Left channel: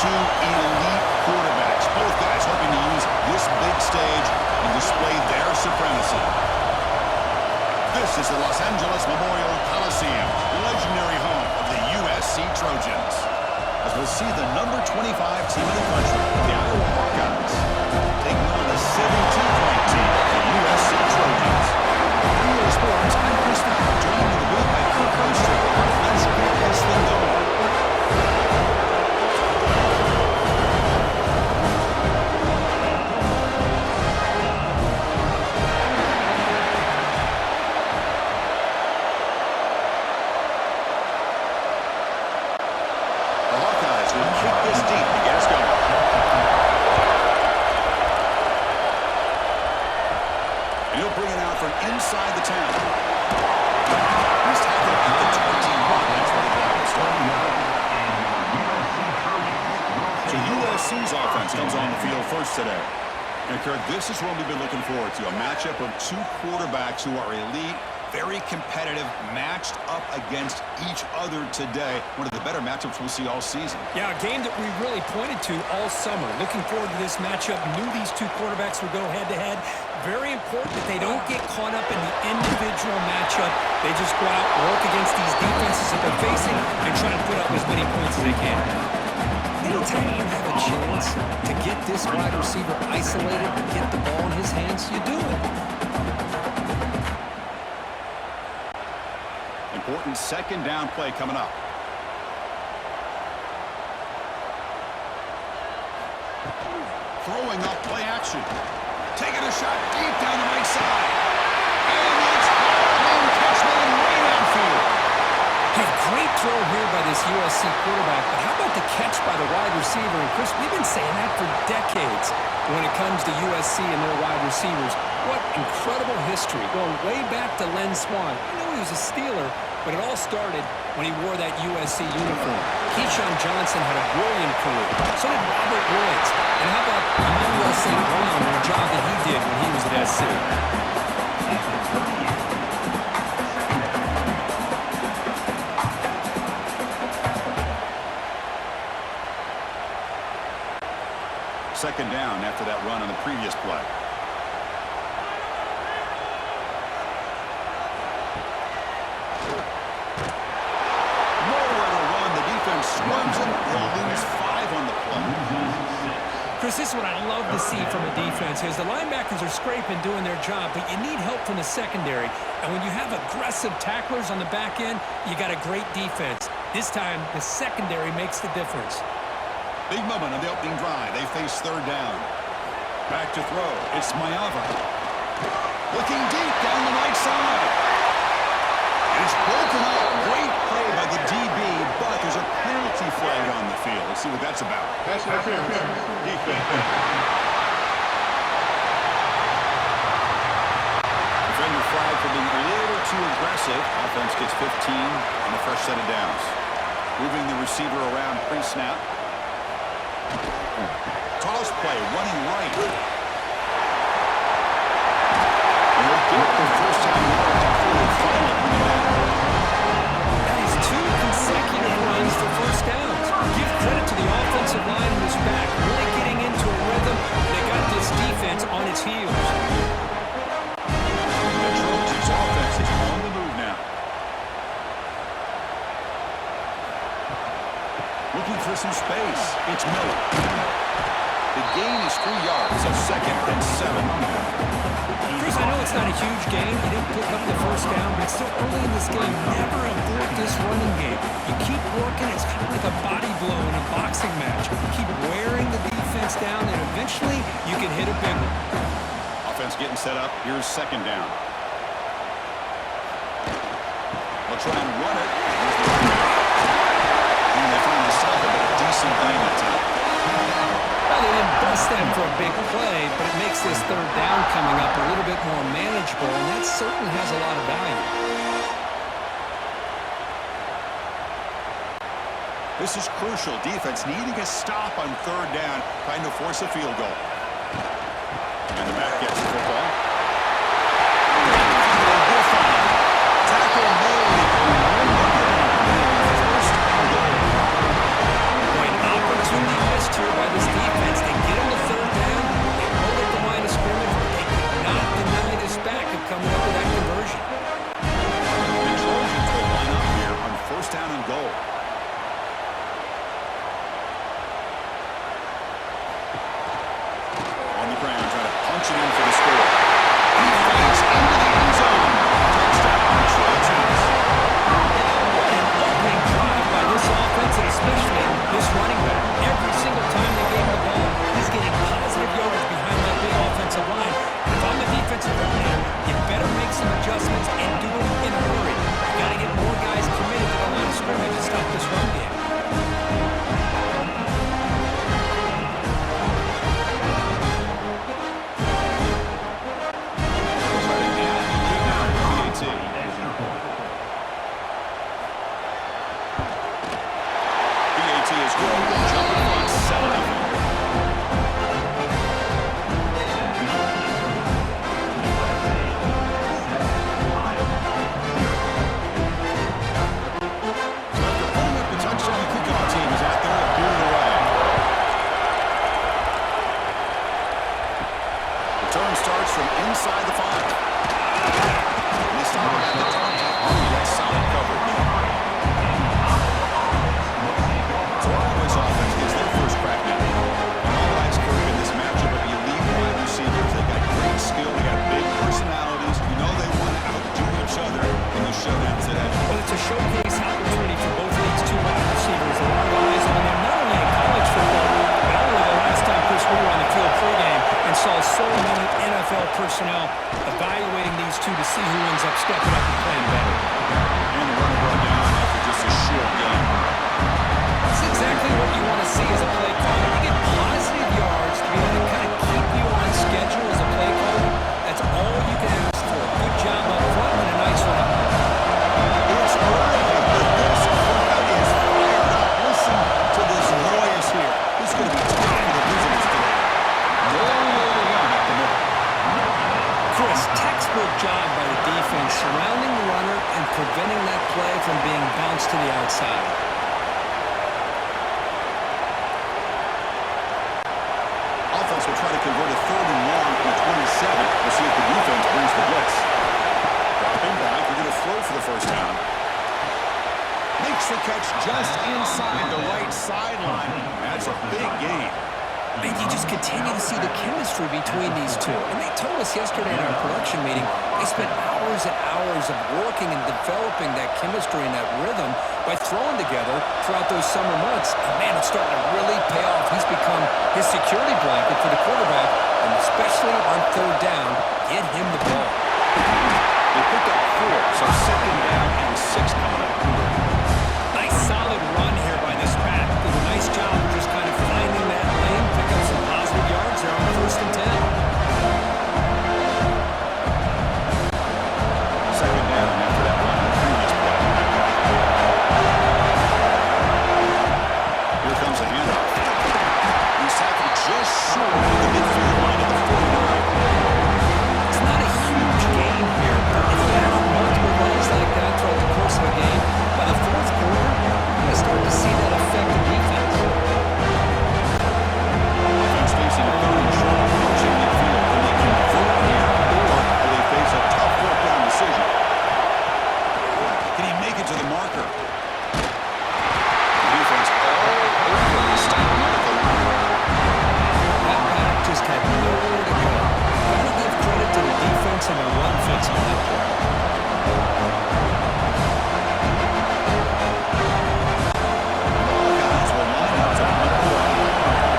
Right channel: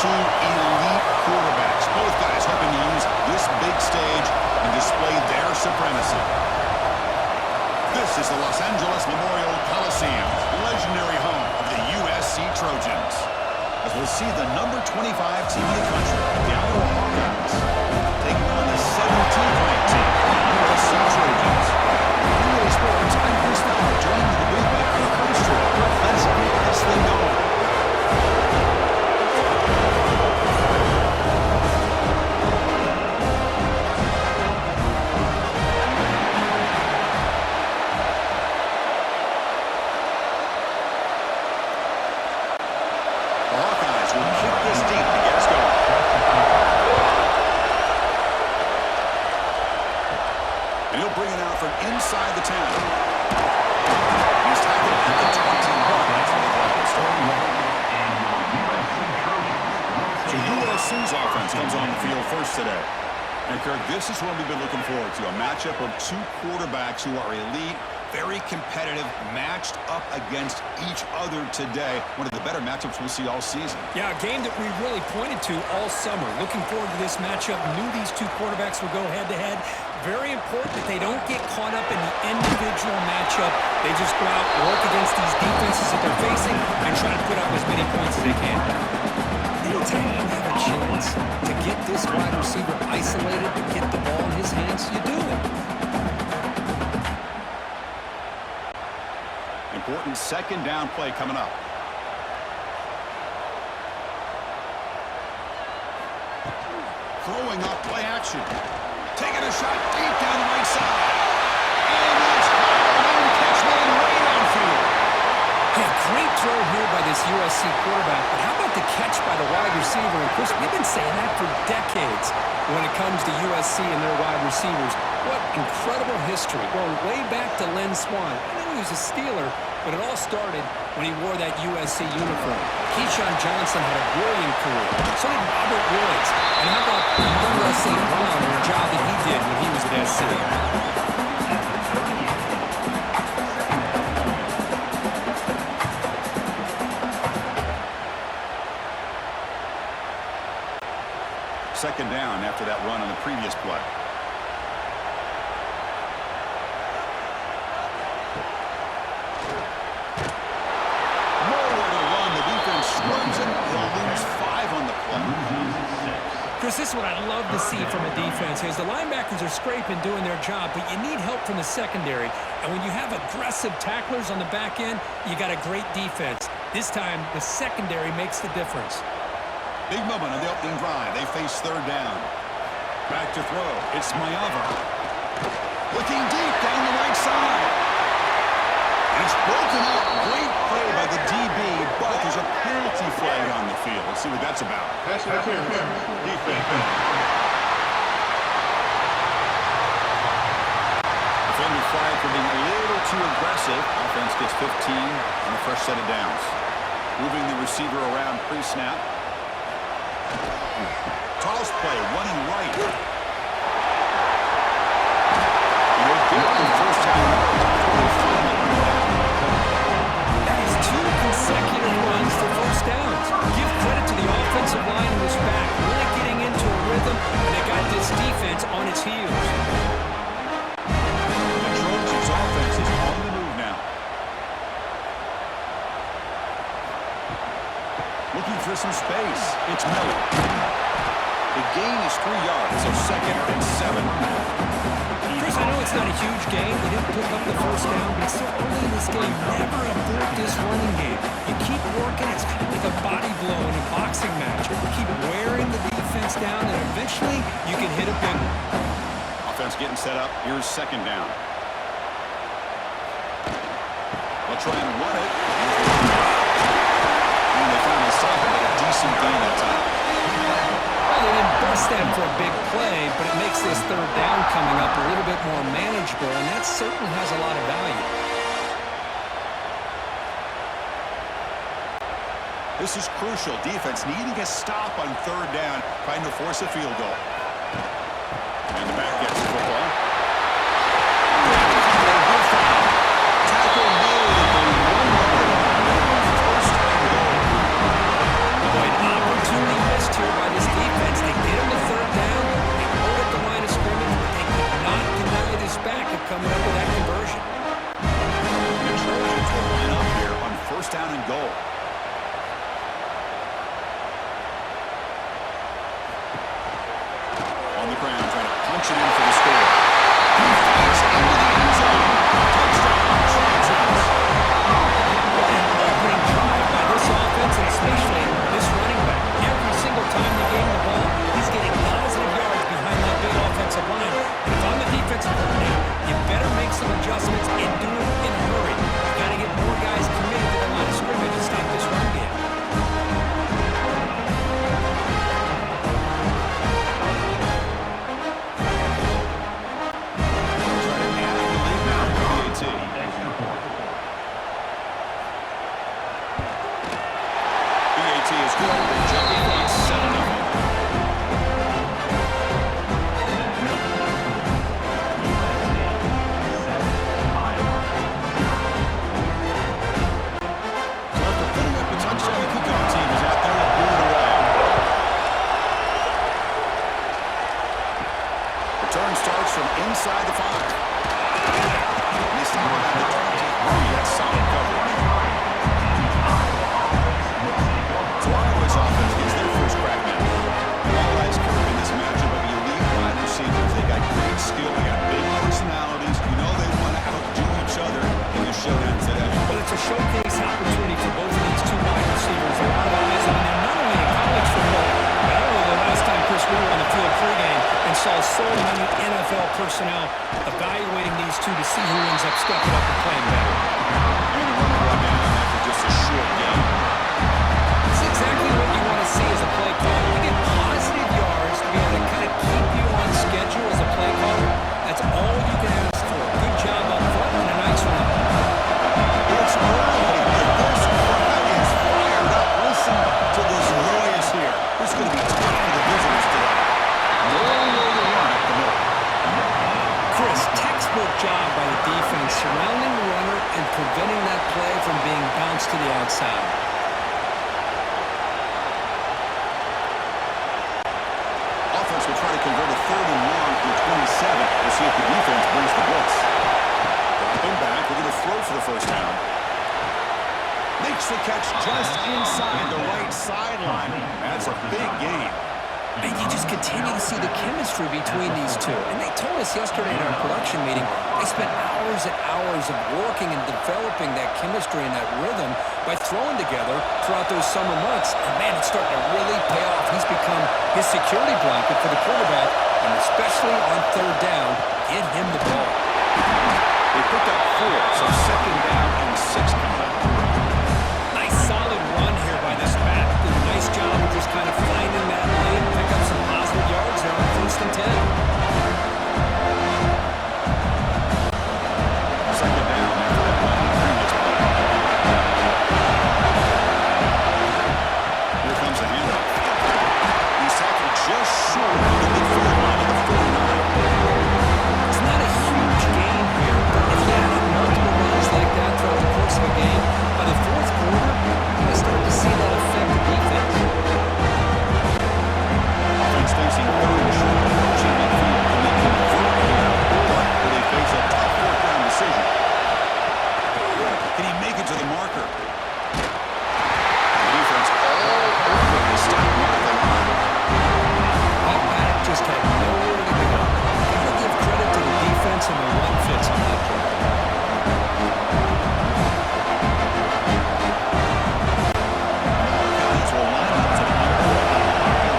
two elite quarterbacks. Both guys hoping to use this big stage and display their supremacy. This is the Los Angeles Memorial Coliseum, legendary home of the USC Trojans. As we'll see the number 25 team in the country, the Iowa Hawkeyes, taking on the 17th ranked team, the USC Trojans. For EA Sports, I'm Chris Fowler, joined in the booth by Kirk Herbstreit. Kirk, let's get this thing going. The Hawkeyes will kick this deep to get us going. And he'll bring it out from inside the 10. He's tackled at the 21. That's where the drive will start. So USC's offense comes on the field first today. And Kirk, this is what we've been looking forward to, a matchup of two quarterbacks who are elite, very competitive, matched up against each other today. One of the better matchups we'll see all season. Yeah, a game that we really pointed to all summer. Looking forward to this matchup. Knew these two quarterbacks would go head-to-head. Very important that they don't get caught up in the individual matchup. They just go out, work against these defenses that they're facing, and try to put up as many points as they can. Anytime you have a chance to get this wide receiver isolated, to get the ball in his hands, you do it. Important second down play coming up. Throwing up play action. Taking a shot deep down the right side. And it's hauled in, catchman way downfield. Hey, great throw here by this USC quarterback, but how about the catch by the wide receiver? And Chris, we've been saying that for decades when it comes to USC and their wide receivers. What incredible history, going way back to Len Swan. I know he was a Steeler, but it all started when he wore that USC uniform. Keyshawn Johnson had a brilliant career. So did Robert Woods. And how about Amon-Ra St. Brown and the job that he did when he was at SC? Second down after that run on the previous play. Nowhere to run. The defense swarms him. He'll lose 5 on the play. Chris, this is what I love to see from a defense is the linebackers are scraping, doing their job, but you need help from the secondary. And when you have aggressive tacklers on the back end, you got a great defense. This time, the secondary makes the difference. Big moment on the opening drive. They face third down. Back to throw. It's Mayava. Looking deep down the right side. And it's broken up. Great play by the DB, but there's a penalty flag on the field. Let's see what that's about. Pass interference. Defense. Defender flag for being a little too aggressive. Offense gets 15 on a fresh set of downs. Moving the receiver around pre-snap. Toss play, running right. And he'll get the first down yards before they finally bring it down. That is 2 consecutive runs for first downs. Give credit to the offensive line in this back, really getting into a rhythm, and they got this defense on its heels. The Trojans' offense is on the move now. Looking for some space. It's Miller. The gain is 3 yards, so second and 7. Chris, I know it's not a huge gain. You didn't pick up the first down, but it's still early in this game. Never abort this running game. You keep working. It's kind of like a body blow in a boxing match. Keep wearing the defense down, and eventually you can hit a big one. Offense getting set up. Here's second down. They'll try and run it. And they finally stop it, but a decent gain that time. Well, they didn't bust that for a big play, but it makes this third down coming up a little bit more manageable, and that certainly has a lot of value. This is crucial. Defense needing a stop on third down, trying to force a field goal. And the back gets the football. Tackle made at the 1 yard line. First and goal. Boy, an opportunity first down and goal. On the ground, trying to punch it in for the score. He fights into the end zone. Touchdown, Trojans. What an opening drive by this offense, and especially this running back. Every single time they gave him the ball, he's getting positive yards behind that big offensive line. And if I'm the defensive coordinator, you better make some adjustments and do it in a hurry. You got to get more guys committed to the line of scrimmage to stop this run game. PAT is good. They jump in front, 7-0. So after putting up the touchdown, the kickoff team is out there to boot it away. Return starts from inside the 5. And they stop him at the 23. That's solid coverage. So Iowa's offense gets their first crack now. And all eyes, Kirk, in this matchup of elite wide receivers. They got great skill. They got big personalities. You know they want to outdo each other in the showdown today. Well, it's a showcase opportunity for both of these two wide receivers. A lot of eyes on them, not only in college football, but I don't know the last time, Chris, we were on the field pregame and saw so many NFL personnel evaluating these two to see who ends up stepping up and playing better. And the runner brought down after just a short game. It's exactly what you want to see as a play caller. You get positive yards to be able to kind of keep you on schedule as a play caller. That's all you can ask for. Good job up front and a nice run. It's early, but this crowd is fired up. Listen to this noise here. This is going to be tough for the visitors today. At the middle. Chris, textbook job by the defense surrounding the runner and preventing that play from being bounced to the outside. Offense will try to convert a 3rd and long from the 27. We'll see if the defense brings the blitz. Dropping back, they're going to throw for the first down. Makes the catch just inside the right sideline. That's a big gain. And you just continue to see the chemistry between these two. And they told us yesterday in our production meeting, they spent hours and hours of working and developing that chemistry and that rhythm by throwing together throughout those summer months. And man, it's starting to really pay off. He's become his security blanket for the quarterback, and especially on 3rd down, get him the ball. They picked up 4, so 2nd down and 6 coming up. Nice solid run here by this back. Did a nice job of just kind of finding that lane, pick up some positive yards there on 1st and 10. 2nd down after that run on the previous play. Here comes the handoff. He's tackled just short of the midfield line of the 49. It's not a huge gain here, but if you add up multiple runs like that throughout the course of a game, by the 4th quarter, you're going to start to see that affect the defense. Offense facing 3rd and short, approaching midfield. Can they convert here, or will they face a tough 4th down decision? Can he make it to the marker? The defense all over to stop him right at the line. That back just had nowhere to go. Got to give credit to the defense and their run fits on that play. And the Hawkeyes will line up to punt it away.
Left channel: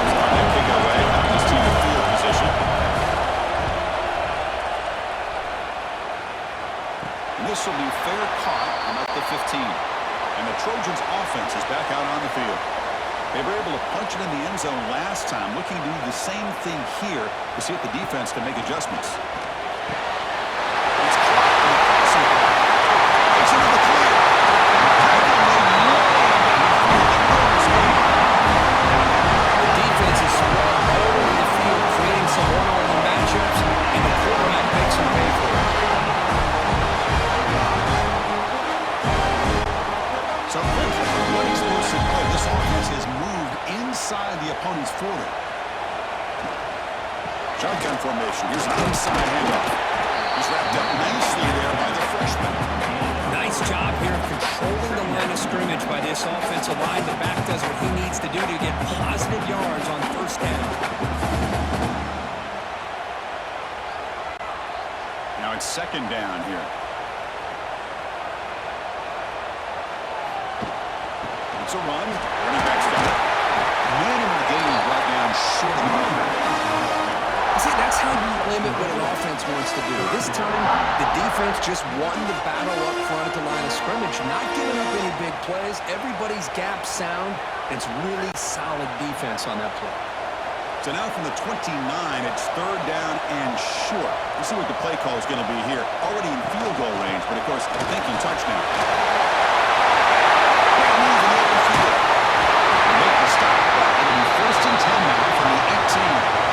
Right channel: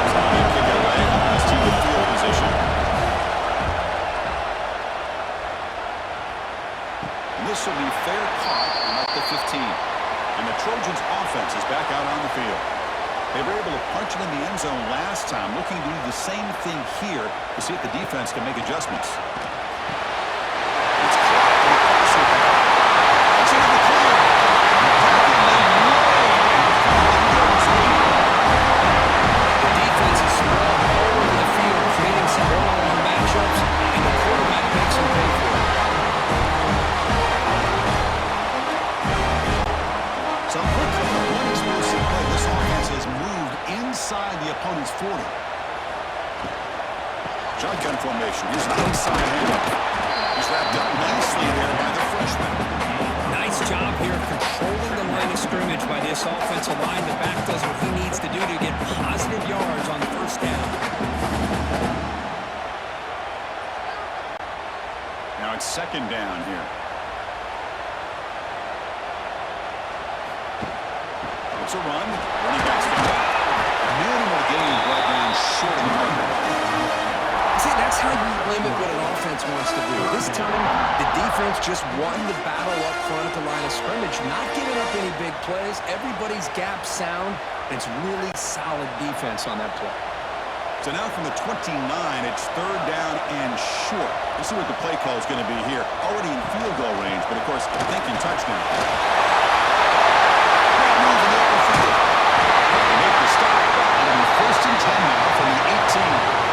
He's on that kick it away, helping his team to field position. And this will be fair caught and up to 15. And the Trojans' offense is back out on the field. They were able to punch it in the end zone last time, looking to do the same thing here to see if the defense can make adjustments. It's caught in the crossing path. It's into the clear. Tackle made way downfield. Enormous gain. The defense is spread all over the field, creating some one-on-one matchups, and the quarterback makes them pay for it. So quickly, one explosive play. This offense has moved inside the opponent's 40. Shotgun formation. Here's an inside handoff. He's wrapped up nicely there by the freshman. Nice Nice job here of controlling the line of scrimmage by this offensive line. The back does what he needs to do to get positive yards on first down. Now it's second down here. It's a run. Running back's got it. Minimal gain brought down short of the marker. See, that's how you limit what an offense wants to do. This time, the defense just won the battle up front at the line of scrimmage, not giving up any big plays. Everybody's gap sound. It's really solid defense on that play. So now from the 29, it's third down and short. You see what the play call is going to be here. Already in field goal range, but of course, thinking touchdown. Great move in the open field. They make the stop, but it'll be first and 10 now from the 18.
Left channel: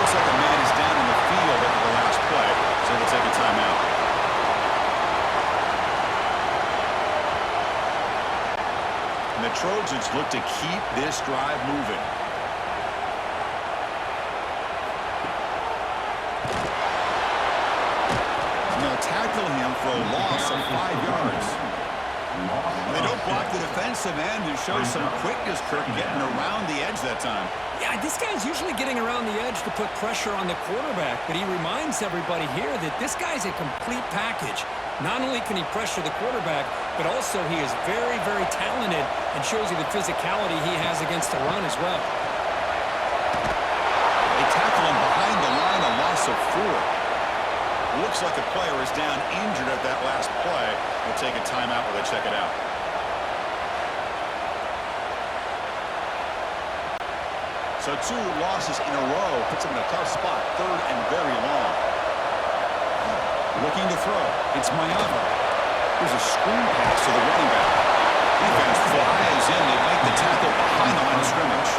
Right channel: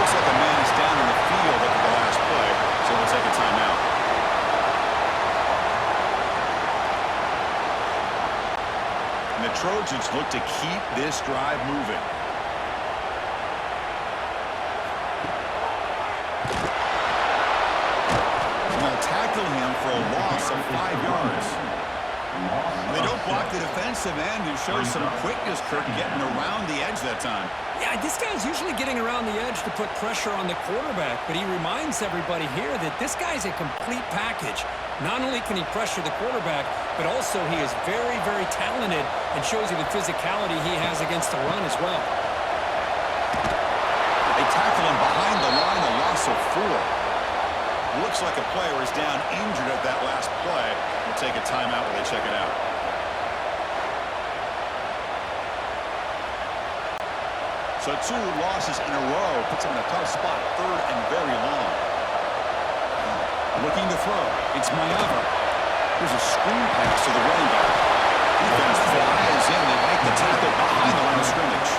Looks like a man is down in the field after the last play, so we'll take a timeout. And the Trojans look to keep this drive moving. And they'll tackle him for a loss of 5 yards. They don't block the defensive end, who shows some quickness, Kirk, getting around the edge that time. Yeah, this guy's usually getting around the edge to put pressure on the quarterback, but he reminds everybody here that this guy's a complete package. Not only can he pressure the quarterback, but also he is very, very talented and shows you the physicality he has against the run as well. They tackle him behind the line, a loss of 4. Looks like a player is down injured at that last play. We'll take a timeout while they check it out. So 2 losses in a row puts him in a tough spot, third and very long. Looking to throw. It's Mayava. Here's a screen pass to the running back. Defense flies in to make the tackle behind the line of scrimmage.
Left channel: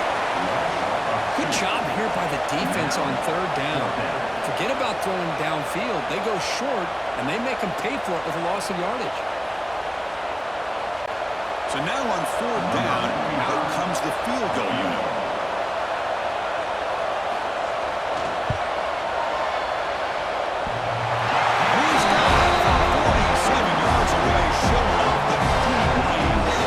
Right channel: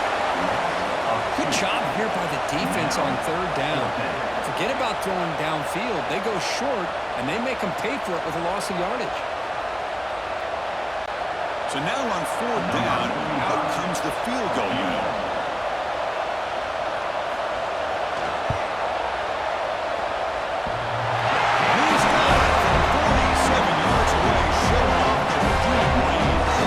Good job here by the defense on third down. Forget about throwing downfield. They go short, and they make them pay for it with a loss of yardage. So now on fourth down, out comes the field goal unit. And he's got it from 47 yards away, showing off the deep range.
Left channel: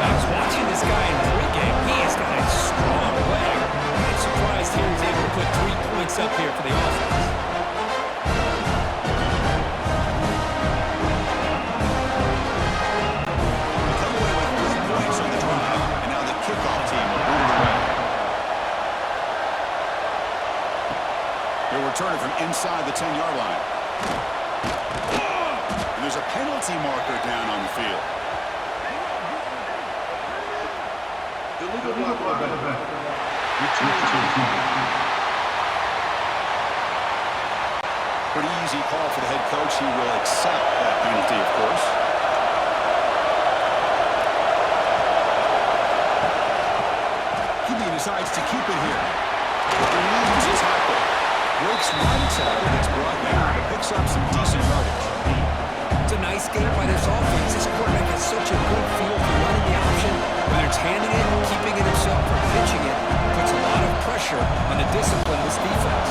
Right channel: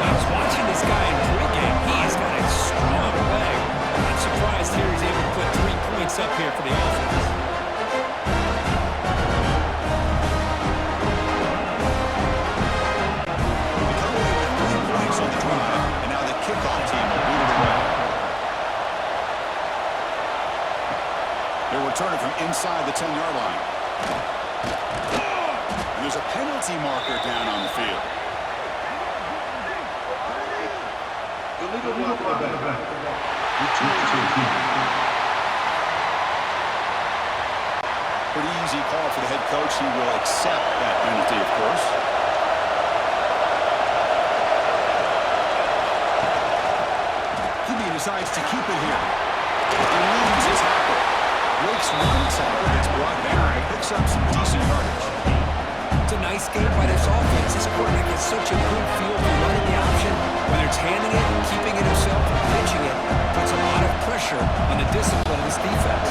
I was watching this guy in pregame. He has got a strong leg. I'm surprised here he's able to put 3 points up here for the offense. They come away with 3 points on the drive, and now the kickoff team will boot it away. They'll return it from inside the 10-yard line. And there's a penalty marker down on the field. Illegal block on the back. Return to team. Pretty easy call for the head coach. He will accept that penalty, of course. QB decides to keep it here. He loses his tackle. Breaks one tackle, gets brought down, but picks up some decent yardage. It's a nice game by this offense. This quarterback has such a good feel for running the option. Whether it's handing it, keeping it himself, or pitching it, puts a lot of pressure on the discipline of this defense.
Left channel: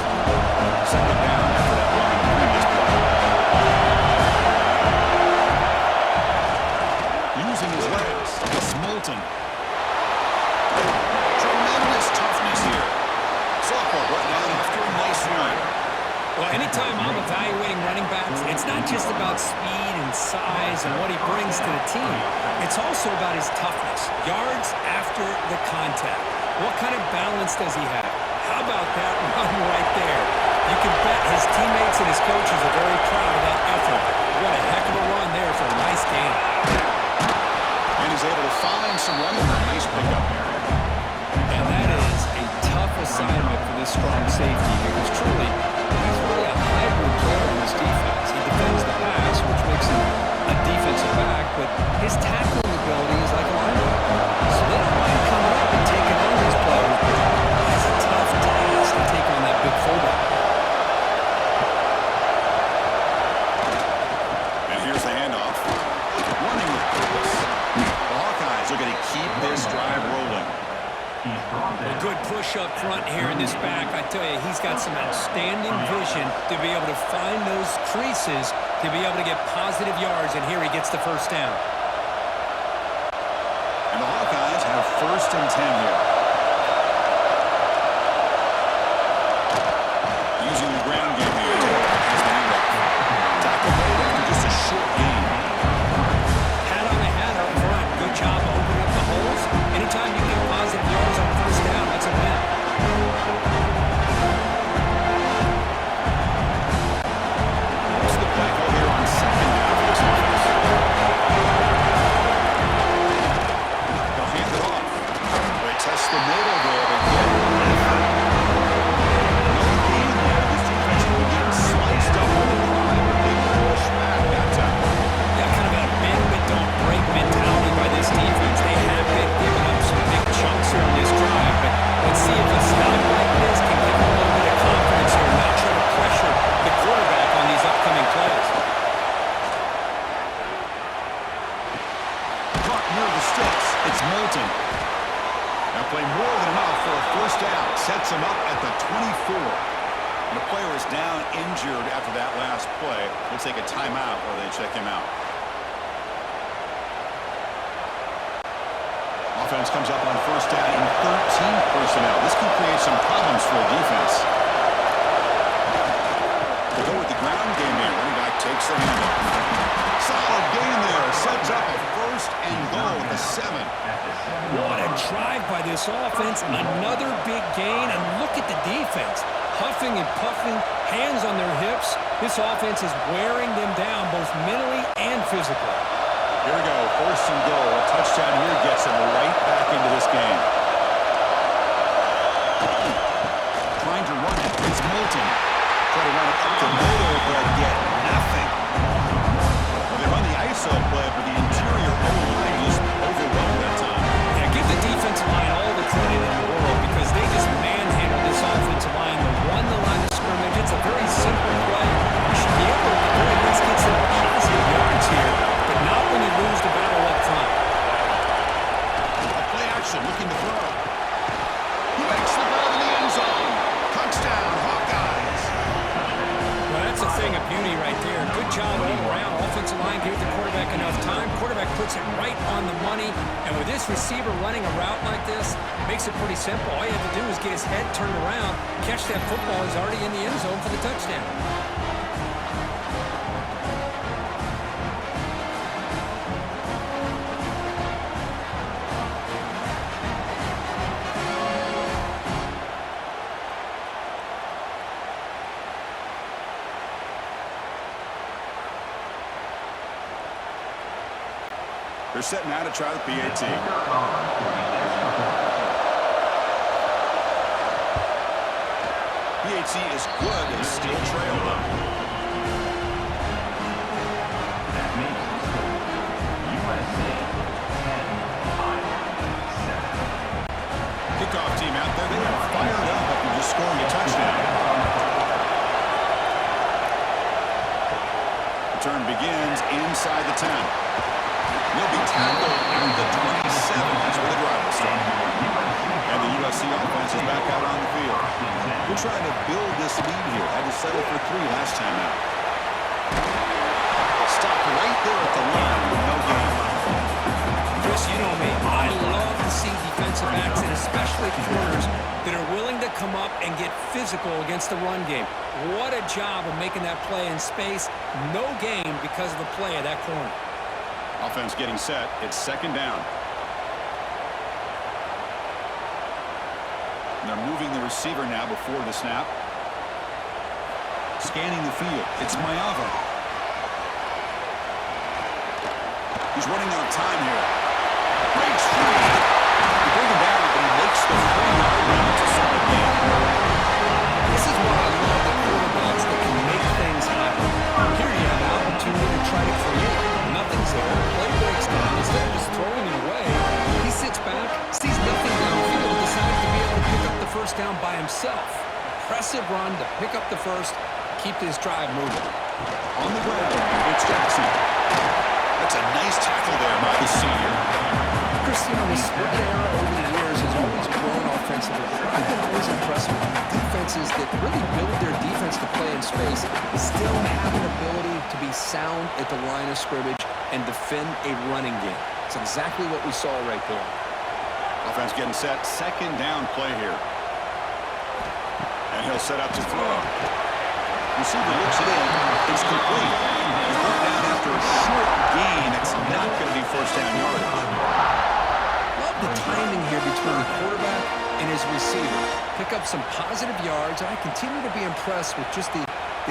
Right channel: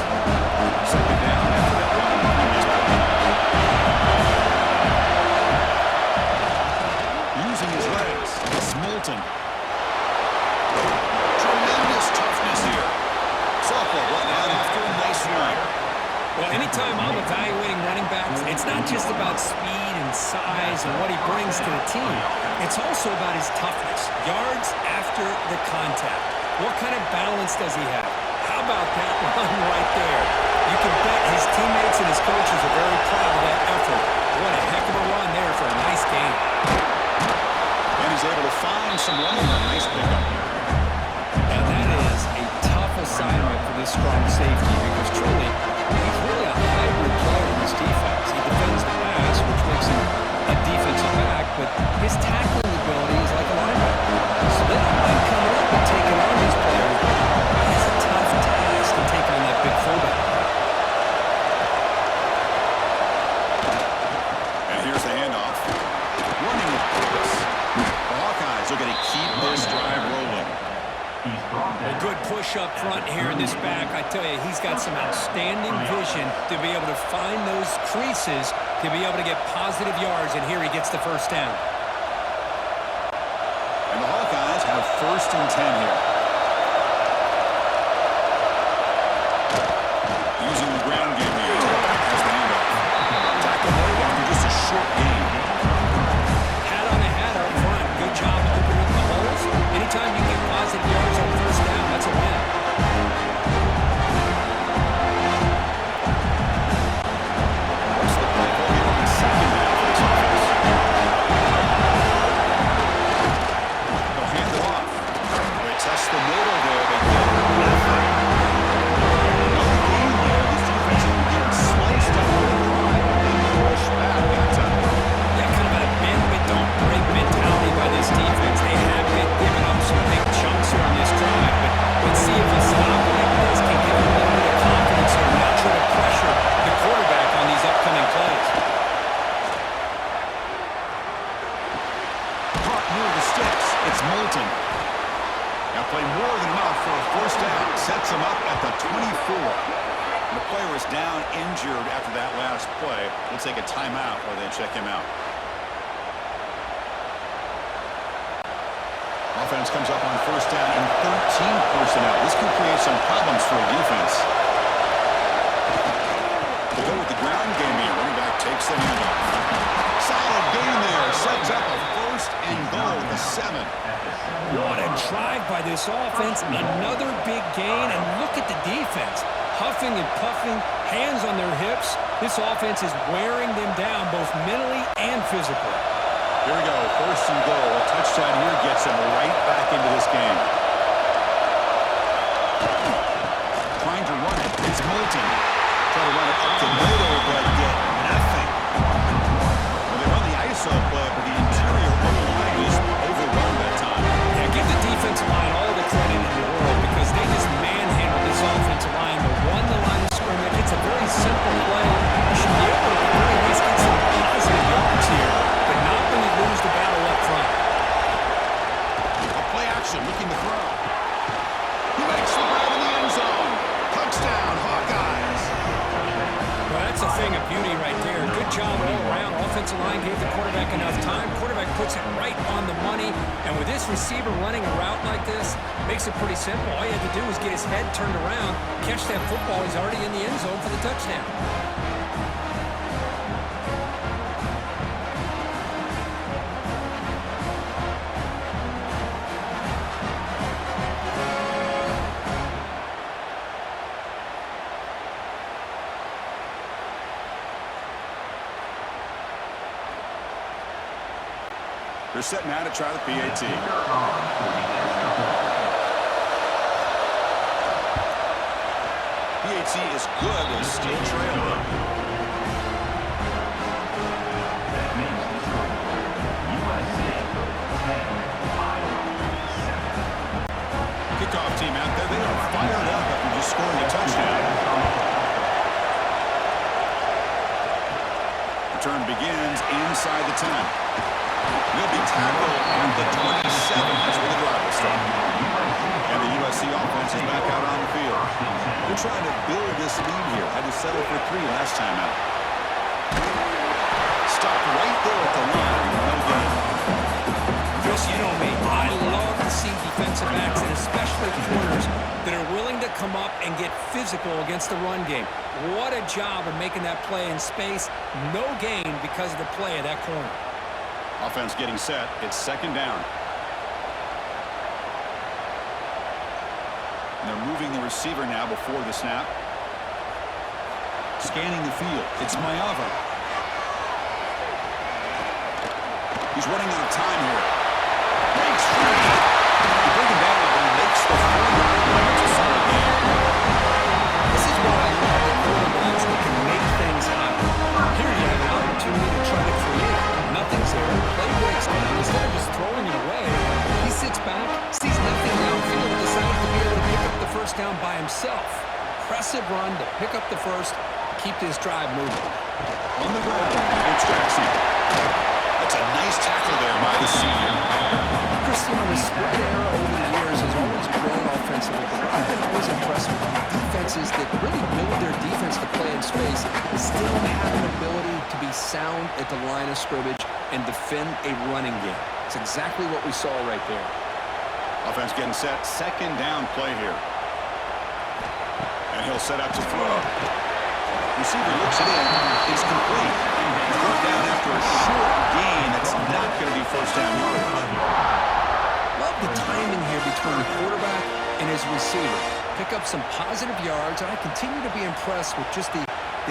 Second down after that run in the previous play. Using his legs, it's Moulton. Tremendous toughness here. Softball brought down after a nice run. Well, anytime I'm evaluating running backs, it's not just about speed and size and what he brings to the team. It's also about his toughness. Yards after the contact. What kind of balance does he have? How about that run right there? You can bet his teammates and his coaches are very proud of that effort. What a heck of a run there for a nice game. And he's able to find some running room. Nice pickup here. And that is a tough assignment for this strong safety because truly, he's really a hybrid player in this defense. He defends the pass, which makes him a defensive back, but his tackling ability is like a linebacker. So they don't mind coming up and taking on these players, but it is a tough task to take on that big fullback. And here's the handoff. Running with purpose. The Hawkeyes are going to keep this drive rolling. Well, good push up front here in this back. I tell you, he's got some outstanding vision to be able to find those creases to be able to get positive yards, and here he gets the first down. And the Hawkeyes have 1st and 10 here. Using the ground game here. Tailback has the handoff. Tackle made after just a short gain. Hat on a hat up front. Good job opening up the holes. Anytime you get positive yards on first down, that's a win. What's the play call here on 2nd down for this offense? They'll hand it off. They test the middle there. They get nothing. No gain there. This defense has been getting sliced up on the drive, but they push back that time. Yeah, kind of a bend but don't break mentality by this defense. They have been giving up some big chunks here on this drive, but let's see if a stop like this can give them a little bit of confidence here. Now try to pressure the quarterback on these upcoming plays. Caught near the sticks. It's Moulton. Now play more than enough for a first down. Sets him up at the 24. And the player is down injured after that last play. We'll take a timeout while they check him out. Offense comes up on first down in 13 personnel. This can create some problems for a defense. They go with the ground game here. Running back takes the handoff. Solid gain there. Sets up a 1st and goal at the 7. What a drive by this offense. Another big gain, and look at the defense. Huffing and puffing, hands on their hips. This offense is wearing them down both mentally and physically. Here we go. 1st and goal. A touchdown here gets them right back into this game. Trying to run it. It's Moulton. Try to run it up the middle, but get nothing. Well, they run the ISO play, but the interior O-line is overwhelmed that time. Yeah, give the defensive line all the credit in the world because they just manhandled this offensive line. They won the line of scrimmage. It's a very simple play. You should be able to at the very least get some positive yards here, but not when you lose the battle up front. A play action, looking to throw. He makes the grab in the end zone. Touchdown, Hawkeyes. Well, that's a thing of beauty right there. Good job all around. Offensive line gave the quarterback enough time. Quarterback puts it right on the money. And with this receiver running a route like this, makes it pretty simple. All you have to do is get his head turned around, catch that football. He's already in the end zone for the touchdown. They're setting out to try the PAT. PAT is good. They still trail, though. That makes the score USC 10, Iowa 7. Kickoff team out there. They are fired up after just scoring a touchdown. Return begins inside the 10. He'll be tackled at the 27. That's where the drive will start. And the USC offense is back out on the field. They're trying to build this lead here. Had to settle for 3 last time out. Stopped right there at the line. No gain. Chris, you know me. I love to see defensive backs and especially corners that are willing to come up and get physical against the run game. What a job of making that play in space. No gain because of the play of that corner. Offense getting set. It's 2nd down. And they're moving the receiver now before the snap. Scanning the field. It's Mayava. He's running out of time here. Breaks free. You bring him down, but he makes the 4-yard line. It's a solid game. This is why I love the quarterbacks that can make things happen. Here you have an opportunity to try to create. Nothing's there. Play breaks down. Instead of just throwing it away, he sits back, sees nothing downfield, decides to be able to pick up the first down by himself. Impressive run to pick up the first, keep this drive moving. On the ground, it's Jackson. That's a nice tackle there by the senior. Chris, USC on the spread era over the years has always grown offensively. I've been always impressed with defenses that really build their defense to play in space, still have an ability to be sound at the line of scrimmage and defend a running game. It's exactly what we saw right there. Offense getting set. Second down play here. And he'll set up to throw. Receiver looks it in. It's complete. He's brought down after a short gain. That's not going to be first down yardage. Love the timing here between the quarterback and his receiver. Pick up some positive yards, and I continue to be impressed with just the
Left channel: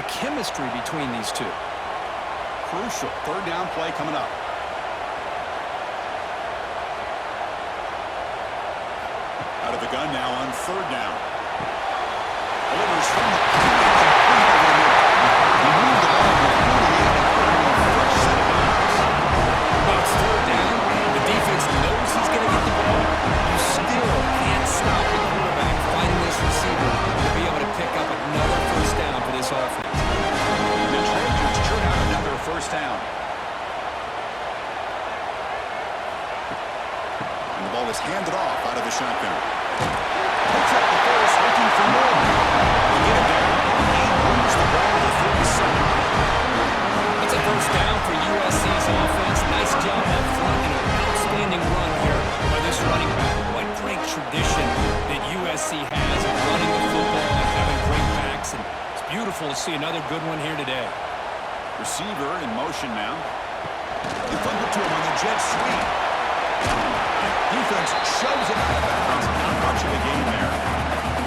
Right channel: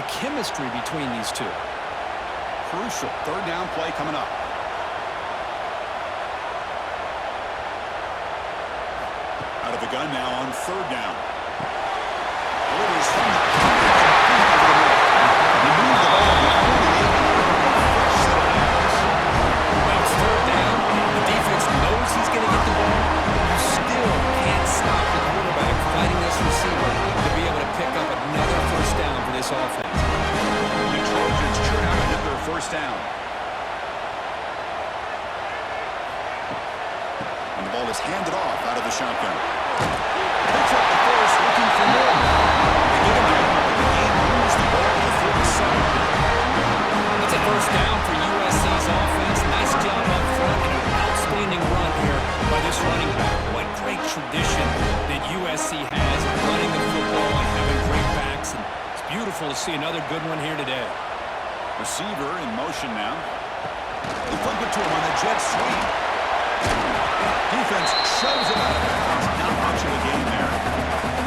chemistry between these two. Crucial. Third down play coming up. Out of the gun now on third down. Delivers from the pocket, complete over the middle. He moved the ball to 48 and earned a fresh set of downs. Well, it's third down. The defense knows he's going to get the ball. You still can't stop the quarterback fighting this receiver to be able to pick up another first down for this offense. The Trojans churn out another first down. And the ball is handed off out of the shotgun. Picks up the first, looking for more. They get him down, but the game moves the ball to the 37. It's a first down for USC's offense. Nice job up front and an outstanding run here by this running back. What great tradition that USC has of running the football and having great backs. And it's beautiful to see another good one here today. Receiver in motion now. They flip it to him on the jet sweep. Defense shoves him out of bounds. Not much of a gain there.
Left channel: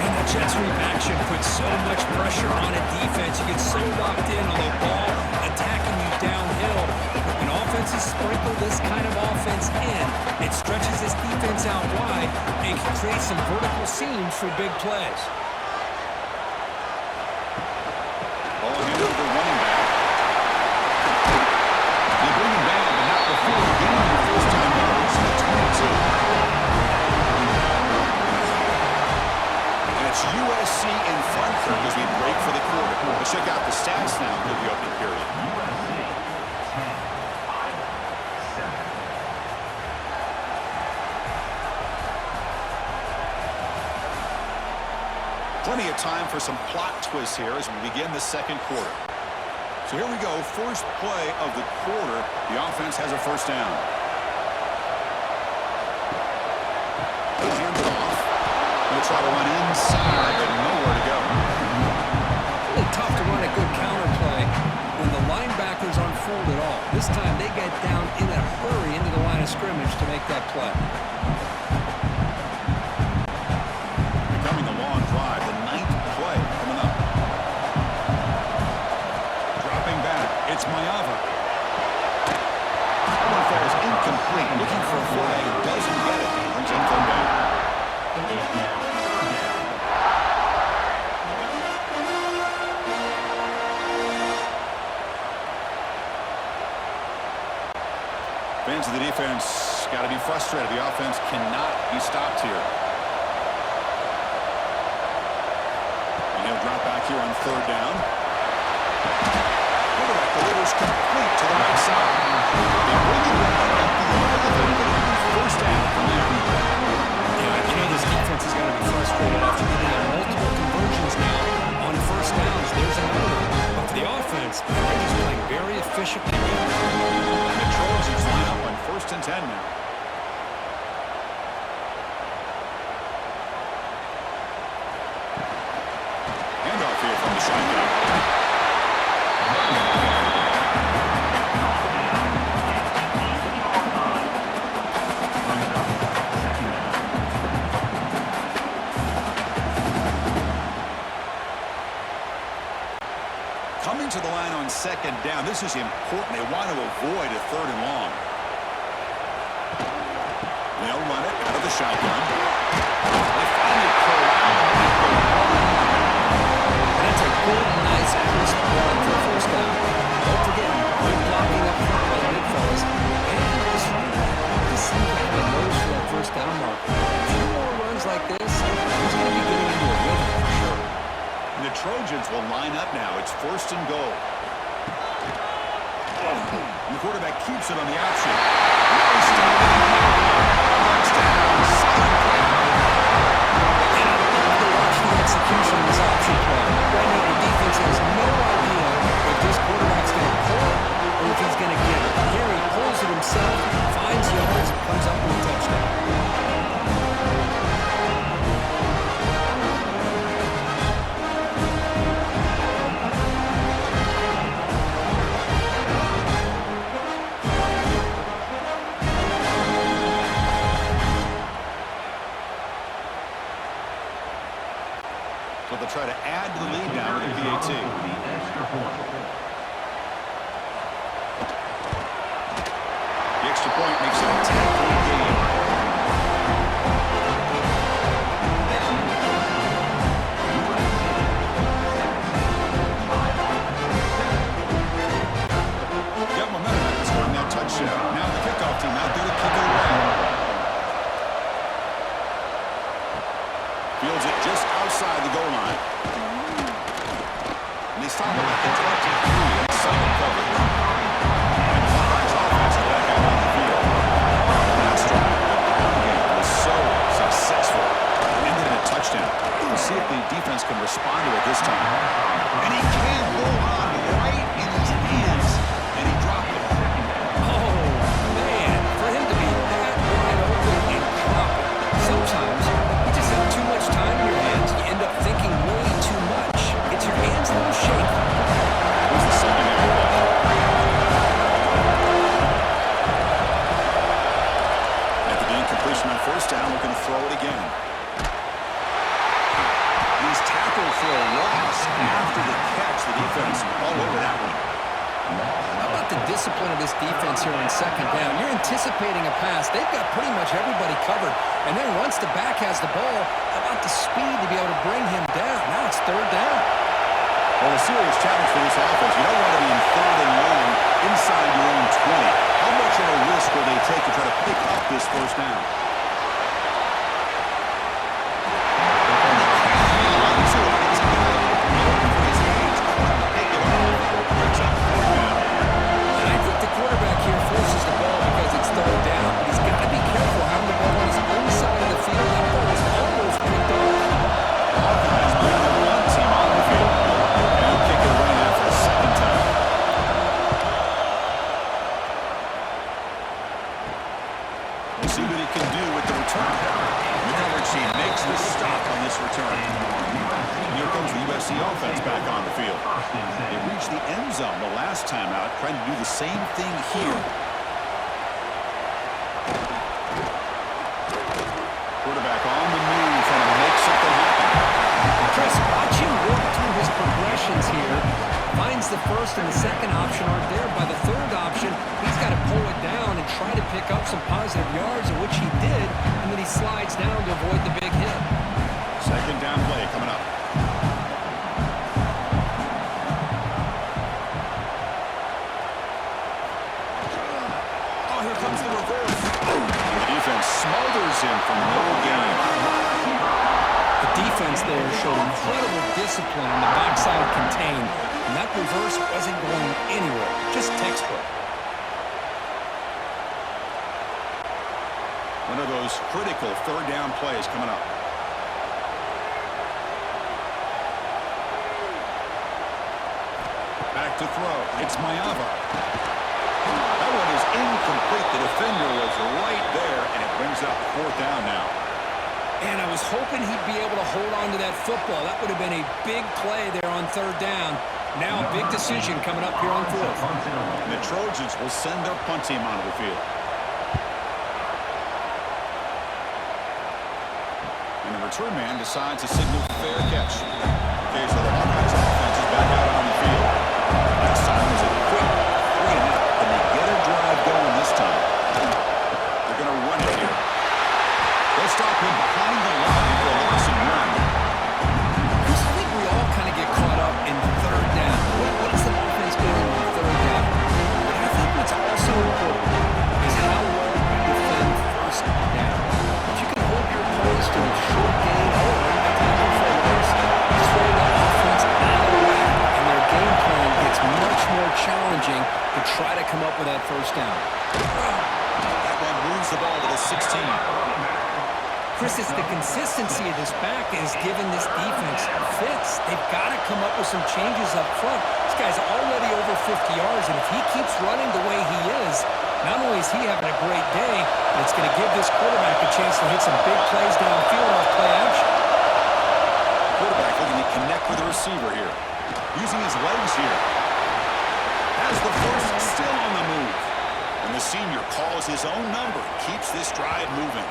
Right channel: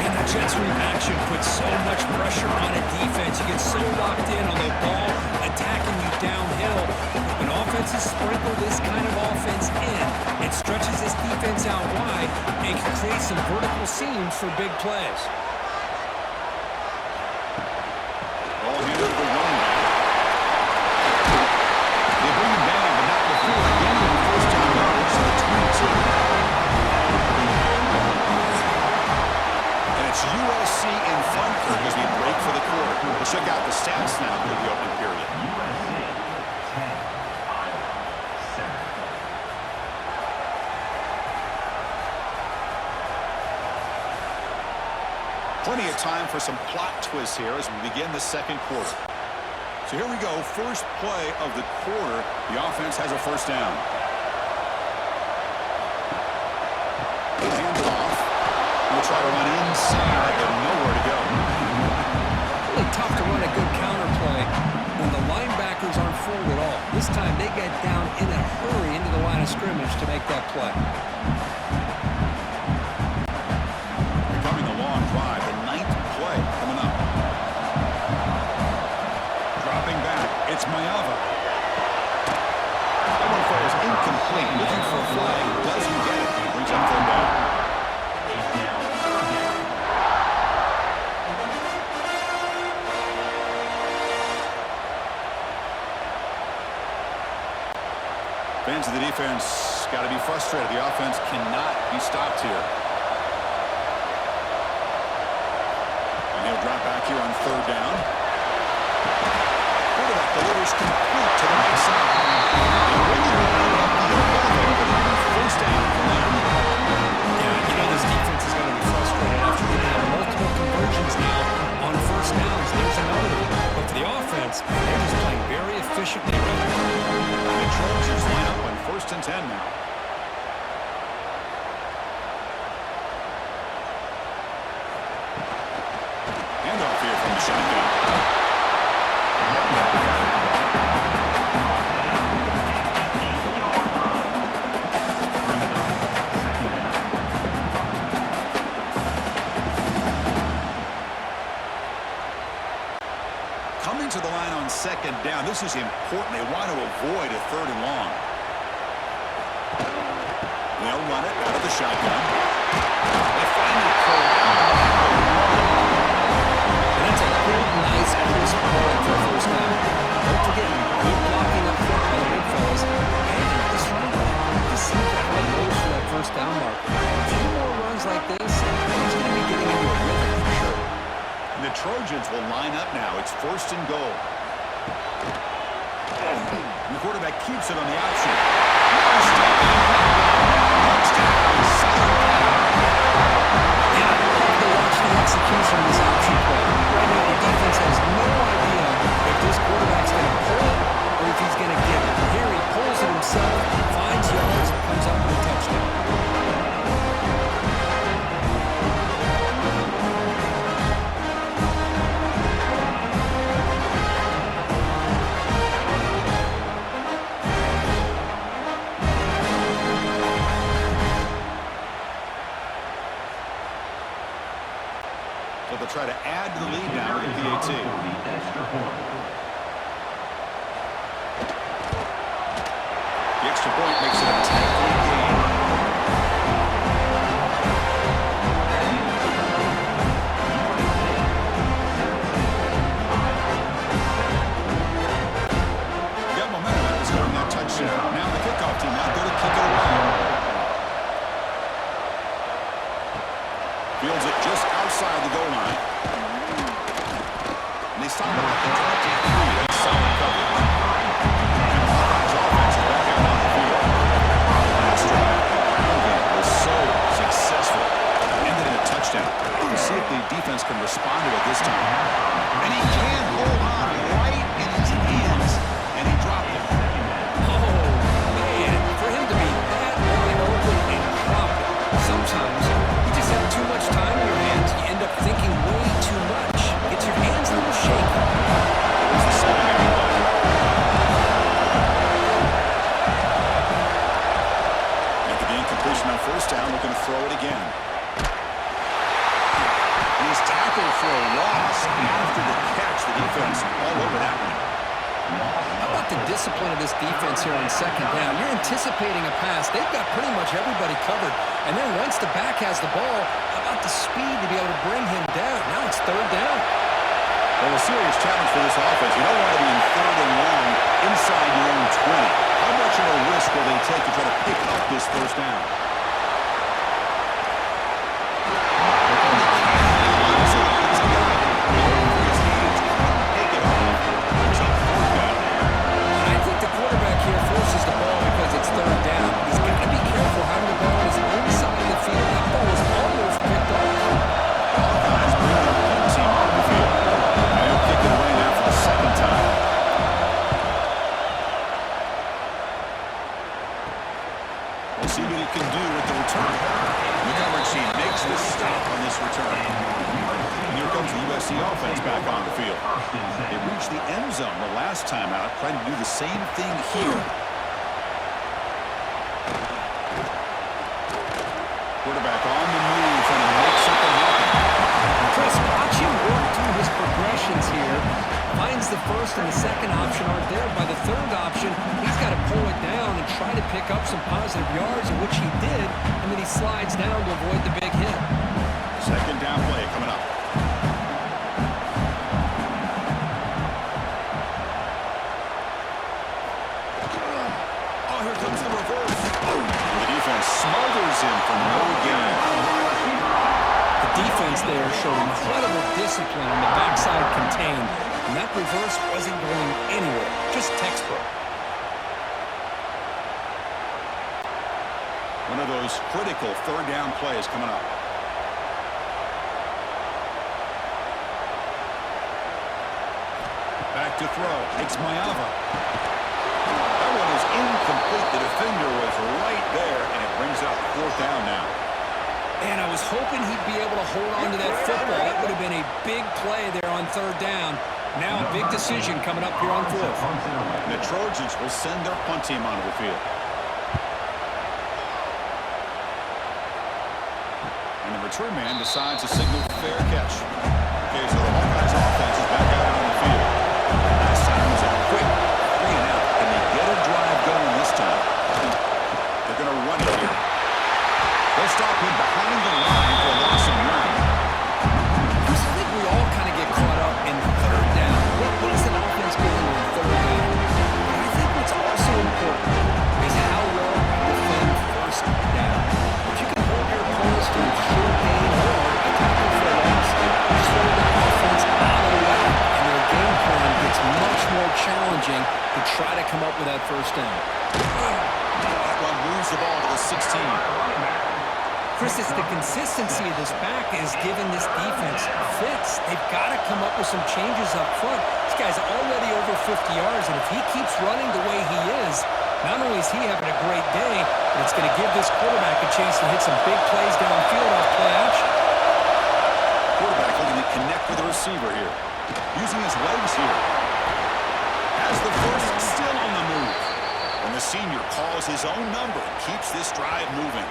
And that jet sweep action puts so much pressure on a defense. You get so locked in on the ball attacking you downhill. But when offenses sprinkle this kind of offense in, it stretches this defense out wide and can create some vertical seams for big plays. Ball handed to the running back. They bring him down, but not before gaining the first down yardage to the 22. And it's USC in front here as we break for the quarter. Let's check out the stats now for the opening period. USC 10, Iowa 7. Plenty of time for some plot twists here as we begin the second quarter. So here we go, first play of the quarter. The offense has a first down. They'll hand it off. They'll try to run inside, but nowhere to go. Really tough to run a good counter play when the linebackers aren't fooled at all. This time they get down in a hurry into the line of scrimmage to make that play. Becoming a long drive, the 9th play coming up. Dropping back, it's Mayava. That one falls incomplete. Looking for a flag, doesn't get it. Brings up third down. It's now third down. Fans of the defense got to be frustrated. The offense cannot be stopped here. And he'll drop back here on third down. Quarterback delivers complete to the right side. They bring him down at the 11, but it'll be first down from there. Yeah, you know this defense is going to be frustrated after getting out multiple conversions now on first downs. There's another one. But for the offense, man, they're just playing very efficiently right now. And the Trojans line up on 1st and 10 now. Handoff here from the shotgun. Coming to the line on second down. This is important. They want to avoid a third and long. They'll run it out of the shotgun. They finally corral the run. And that's a good, nice, crisp run for a first down. Don't forget, good blocking up front by the big fellas. And this running back, he seems to have a nose for that first down marker. A few more runs like this, he's going to be getting into a rhythm for sure. And the Trojans will line up now. It's 1st and goal. And the quarterback keeps it on the option. No stopping that run. But option play. Right now, the defense has no idea if this quarterback's going to pull it or if he's going to give it. Here he pulls it himself, finds yards, and comes up with a touchdown. So they'll try to add to the lead now with the PAT. The extra point. The extra point makes it a 10-point game. Got momentum after scoring that touchdown. Now the kickoff team out there to kick it away. Fields it just outside the goal line. And they stop him at the 23. That's solid coverage. And the Hawkeyes offense is back out on the field. Last drive, the ground game was so successful. Ended in a touchdown. We'll see if the defense can respond to it this time. And he can't hold on right in his hands. And he dropped it. Oh, man, for him to be that wide open and drop it. Sometimes you just have too much time in your hands. You end up thinking way too much. Gets your hands a little shaky. Here's the second down play. After the incompletion on first down, looking to throw it again. And he's tackled for a loss after the catch. The defense all over that one. How about the discipline of this defense here on second down? You're anticipating a pass. They've got pretty much everybody covered. And then once the back has the ball, how about the speed to be able to bring him down? Now it's third down. Well, a serious challenge for this offense. You don't want to be in third and long inside your own 20. How much of a risk will they take to try to pick up this first down? And they can't hang on to it. It's a guy going for his hands. Couldn't pick it off. Brings up fourth down. And I think the quarterback here forces the ball because it's third down. But he's got to be careful having the ball on his own side of the field. That ball was almost picked off. The Hawkeyes bring their punt team on the field. And he'll kick it away now for the second time. We'll see what he can do with the return. And the coverage team makes the stop on this return. And here comes the USC offense back on the field. They reached the end zone the last time out, trying to do the same thing here. Quarterback on the move, trying to make something happen. Chris, watch him work through his progressions here. Finds the first and the second option aren't there. By the third option, he's got to pull it down and try to pick up some positive yards, which he did, and then he slides down to avoid the big hit. Second down play coming up. Oh, here comes the reverse. And the defense smothers him for no gain. The defense there showed incredible discipline on the backside contained, and that reverse wasn't going anywhere, just textbook. One of those critical third down plays coming up. Back to throw. It's Mayava. That one is incomplete. The defender was right there, and it brings up fourth down now. And I was hoping he'd be able to hold on to that football. That would have been a big play there on third down. Now a big decision coming up here on fourth. And the Trojans will send their punt team onto the field. And the return man decides to signal fair catch. Okay, so the Hawkeyes offense is back out on the field. Last time was a quick 3 and out. Can they get a drive going this time? They're going to run it here. They'll stop him behind the line for a loss and run. Chris, I think we all kind of get caught up in third down. What is an offense doing on third down? But I think what's also important is how well you defend first down. If you can hold your opponents to a short gain or a tackle for a loss, you throw that offense out of whack, and their game plan gets much more challenging to try to come up with that first down. That one moves the ball to the 16. Chris, it's the consistency of this back is giving this defense fits. They've got to come up with some changes up front. This guy's already over 50 yards, and if he keeps running the way he is, not only is he having a great day, but it's going to give this quarterback a chance to hit some big plays downfield off play action. Quarterback looking to connect with the receiver here. Using his legs here. Has the first, still on the move. And the senior calls his own number and keeps this drive moving.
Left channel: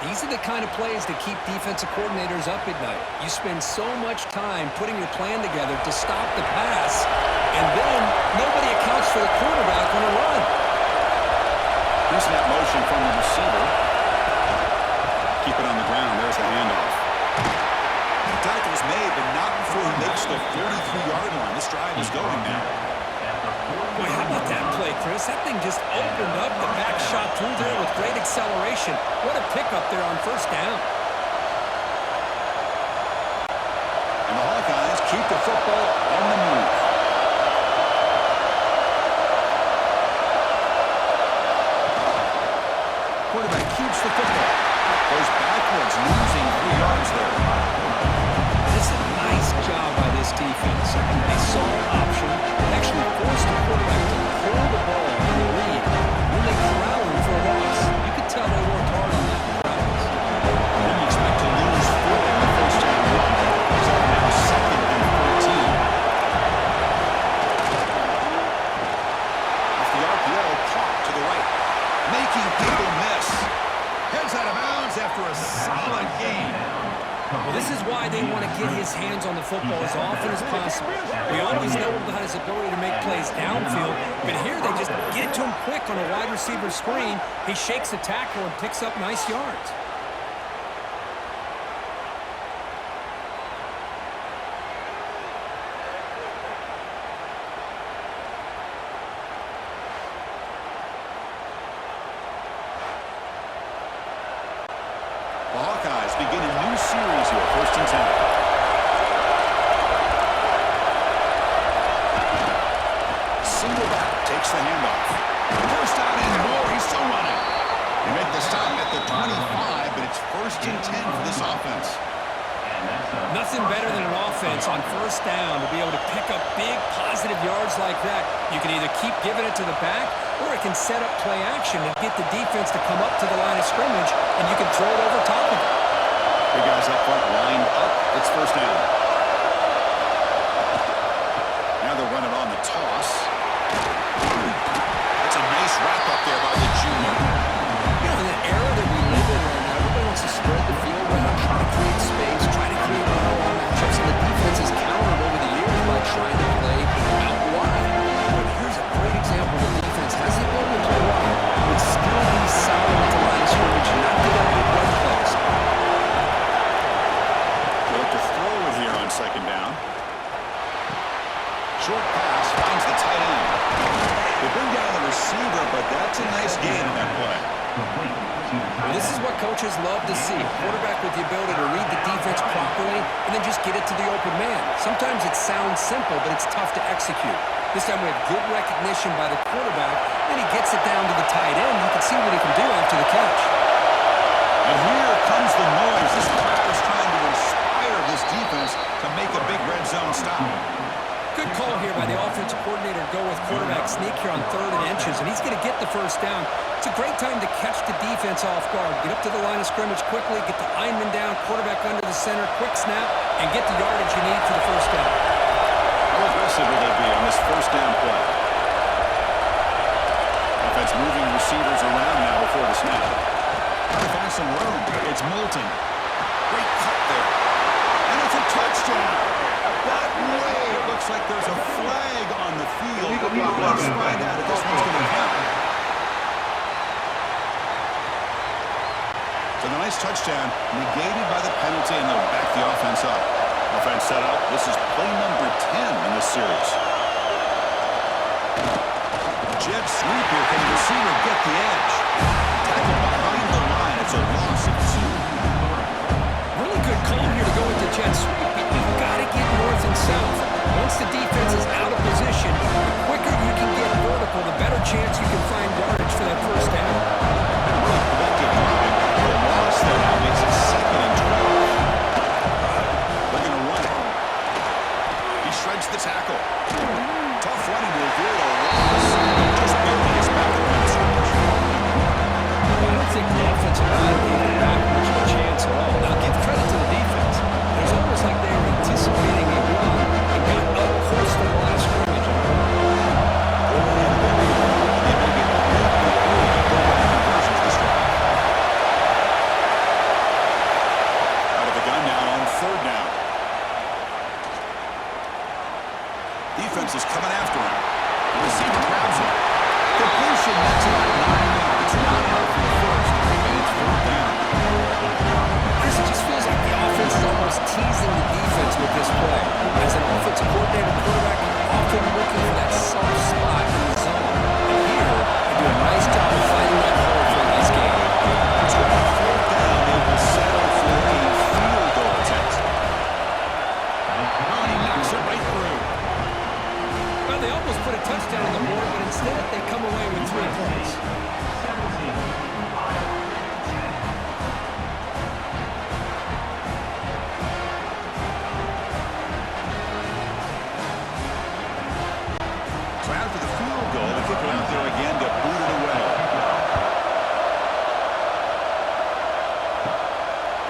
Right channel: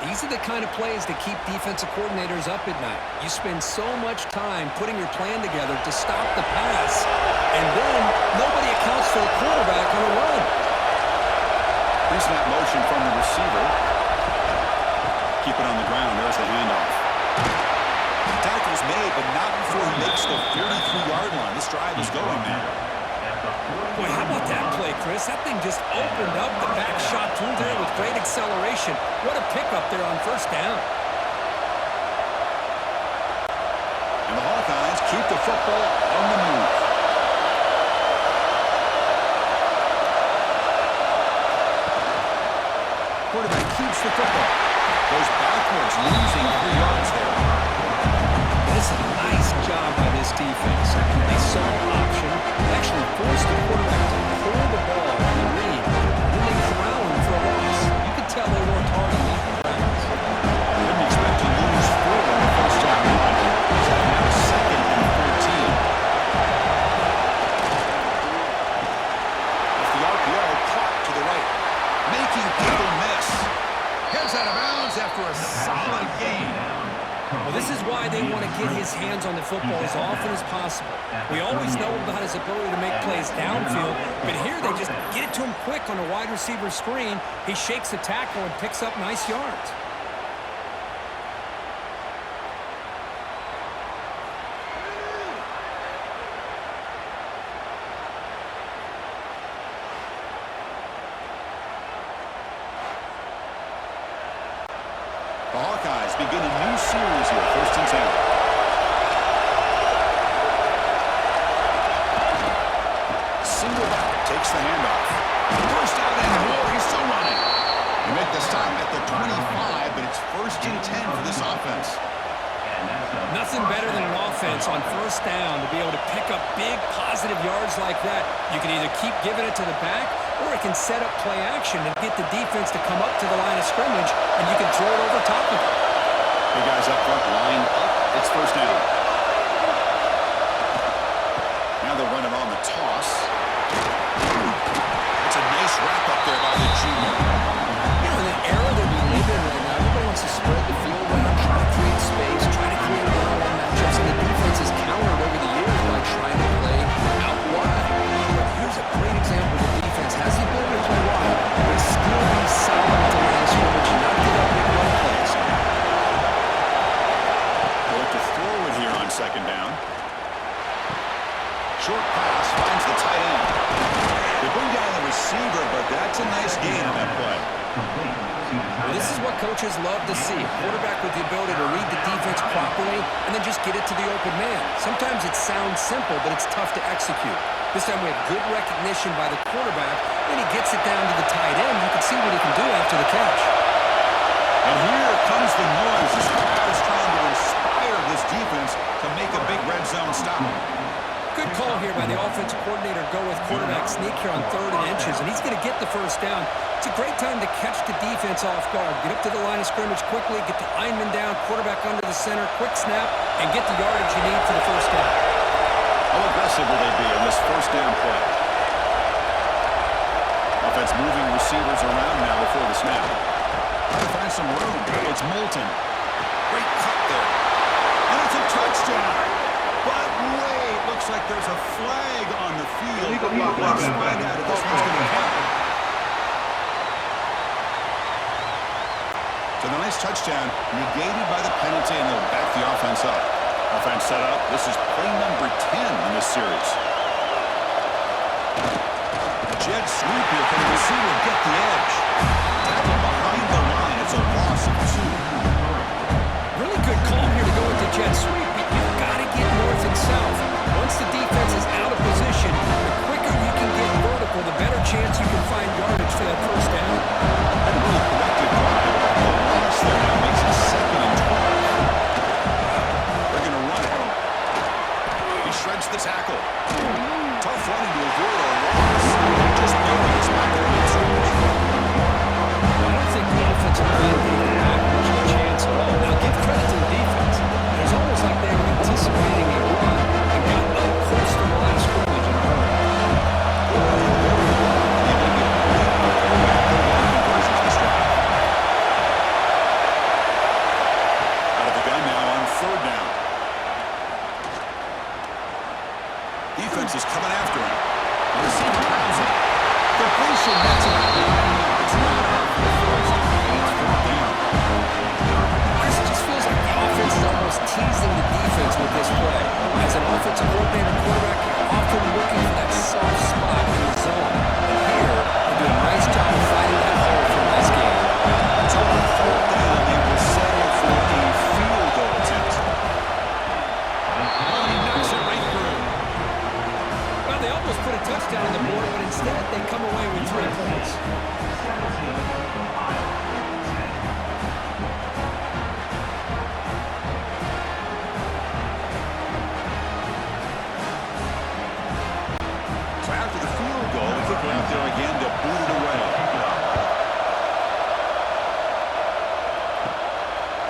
These are the kind of plays that keep defensive coordinators up at night. You spend so much time putting your plan together to stop the pass, and then nobody accounts for the quarterback on a run. Pre-snap motion from the receiver. Keep it on the ground. There's the handoff. Tackle's made, but not before he makes the 43-yard line. This drive is going now. Boy, how about that play, Chris? That thing just opened up. The back shot through there with great acceleration. What a pickup there on first down. And the Hawkeyes keep the football on the move. Quarterback keeps the football. Goes backwards, losing 3 yards there. It's a nice job by this defense. They saw option, actually forced the quarterback to pull the ball on the read, and then they corral him for a loss. You could tell they worked hard on that in practice. Didn't expect to lose 4 in the first down run. So now 2nd and 14. Off the RPO, caught to the right. Making people miss. Heads out of bounds after a solid game. Well, this is why they want to get his hands on the football as often as possible. We always know about his ability to make plays downfield, but here they just get it to him quick on a wide receiver screen. He shakes the tackle and picks up nice yards. The Hawkeyes begin a new series here, 1st and 10. Single back, takes the handoff. First out and more, he's still running. They make the stop at the 25, but it's 1st and 10 for this offense. Nothing better than an offense on first down to be able to pick up big positive yards like that. You can either keep giving it to the back, or it can set up play action and get the defense to come up to the line of scrimmage, and you can throw it over top of it. Big guys up front lined up. It's first down. Now they'll run it on the toss. That's a nice wrap up there by the junior. You know, in the era that we live in right now, everybody wants to spread the field around, try to create space, try to create one-on-one matchups, and the defense has countered over the years by trying to play out wide. But here's a great example. The defense has the ability to play wide, but still be solid at the line of scrimmage and not give up big run plays. They look to throw it here on 2nd down. Short pass finds the tight end. They bring down the receiver, but that's a nice gain on that play. Well, this is what coaches love to see. A quarterback with the ability to read the defense properly and then just get it to the open man. Sometimes it sounds simple, but it's tough to execute. This time we have good recognition by the quarterback, then he gets it down to the tight end. You can see what he can do after the catch. And here comes the noise. This crowd is trying to inspire this defense to make a big red zone stop. Good call here by the offensive coordinator to go with quarterback sneak here on 3rd and inches, and he's going to get the first down. It's a great time to catch the defense off guard. Get up to the line of scrimmage quickly, get the lineman down, quarterback under the center, quick snap, and get the yardage you need for the first down. How aggressive will they be on this first down play? Offense moving receivers around now before the snap. Trying to find some room. It's Moulton. Great cut there. And it's a touchdown. But wait, looks like there's a flag on the field. Let's find out if this one's going to count. So the nice touchdown negated by the penalty, and they'll back the offense up. Offense set up. This is play number 10 in this series. Jet sweep here. Can the receiver get the edge? Tackle behind the line. It's a loss of 2. Really good call here to go with the jet sweep, but you've got to get north and south. Once the defense is out of position, the quicker you can get vertical, the better chance you can find yardage for that first down. And a really productive drive, but the loss there now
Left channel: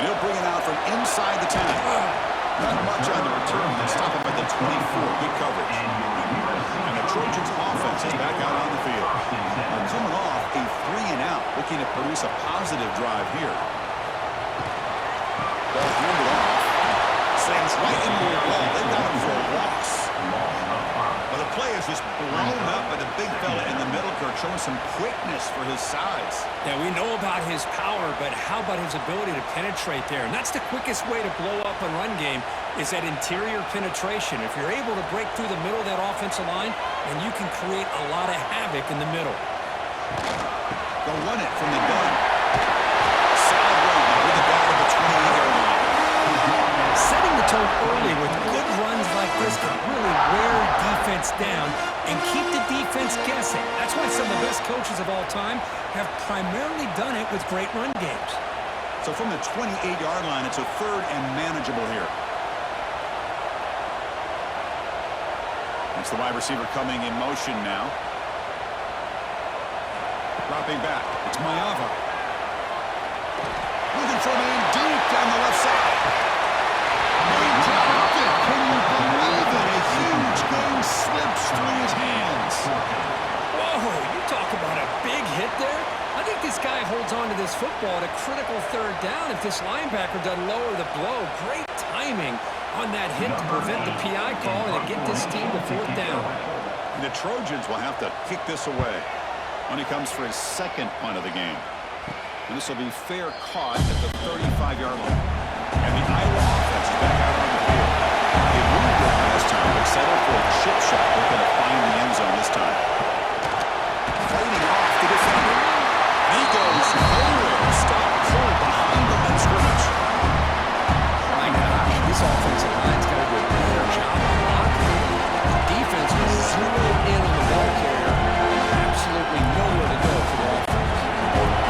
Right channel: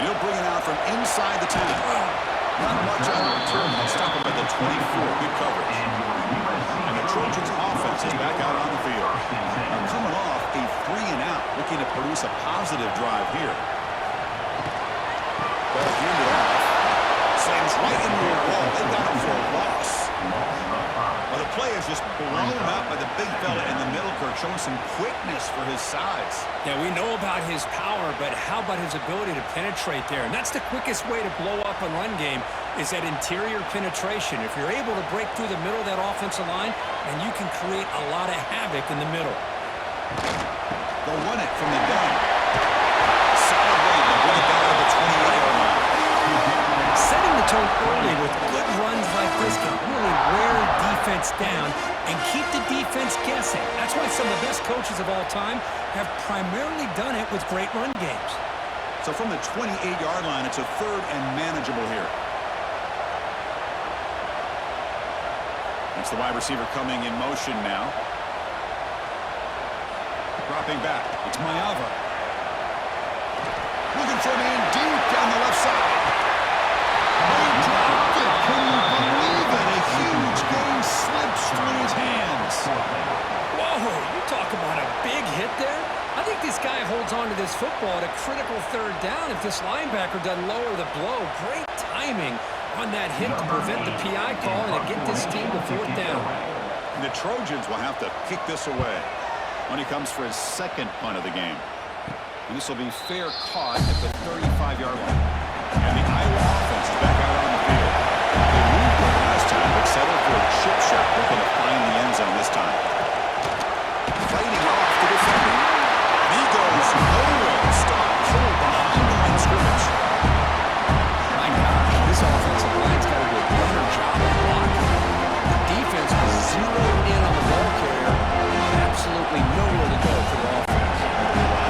And he'll bring it out from inside the 10. Not much on the return. They'll stop him at the 24. Good coverage. And the Trojans offense is back out on the field. Now coming off a 3-and-out, looking to produce a positive drive here. Ball handed off. Slams right into a wall. They've got him for a loss. Well, the play is just blown up by the big fella in the middle, Kirk, showing some quickness for his size. Yeah, we know about his power, but how about his ability to penetrate there? And that's the quickest way to blow up a run game is that interior penetration. If you're able to break through the middle of that offensive line, then you can create a lot of havoc in the middle. They'll run it from the gun. Solid run. They'll bring it down to the 28-yard line. Setting the tone early with good runs like this can really wear defense down and keep the defense guessing. That's why some of the best coaches of all time have primarily done it with great run games. So from the 28-yard line, it's a 3rd and manageable here. That's the wide receiver coming in motion now. Dropping back. It's Mayava. Looking for a man deep down the left side. He dropped it. Can you believe it? A huge gain slips through his hands. Whoa, you talk about a big hit there. I think this guy holds on to this football at a critical 3rd down if this linebacker doesn't lower the blow. Great timing on that hit to prevent the PI call and to get this team to 4th down. And the Trojans will have to kick this away when he comes for his 2nd punt of the game. And this will be fair caught at the 35-yard line. And the Iowa offense is back out on the field. They moved it last time, but settled for a chip shot. Looking to find the end zone this time. Fighting off the defender. And he goes nowhere. Stop cold behind the line of scrimmage. My gosh, this offensive line's got to do a better job of blocking. The defense was zeroed in on the ball carrier and absolutely nowhere to go for the offense.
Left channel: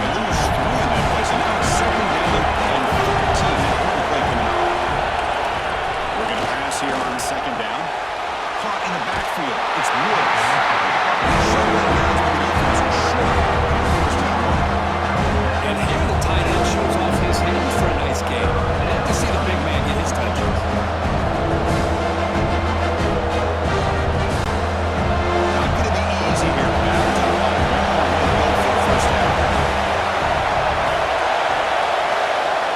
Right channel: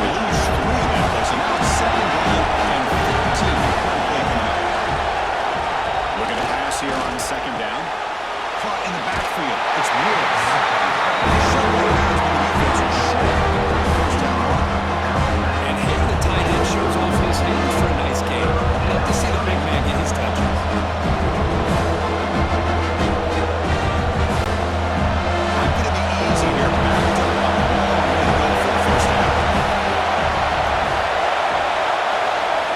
They lose 3 in that place, and now it's 2nd down and 14. Important play coming up. We're going to pass here on 2nd down. Caught in the backfield. It's Woods. Short right now is the defense short of the 1st down marker. And here the tight end shows off his hands for a nice game. Love to see the big man get his touches. Not going to be easy here. Backed up a long way to go for a 1st down.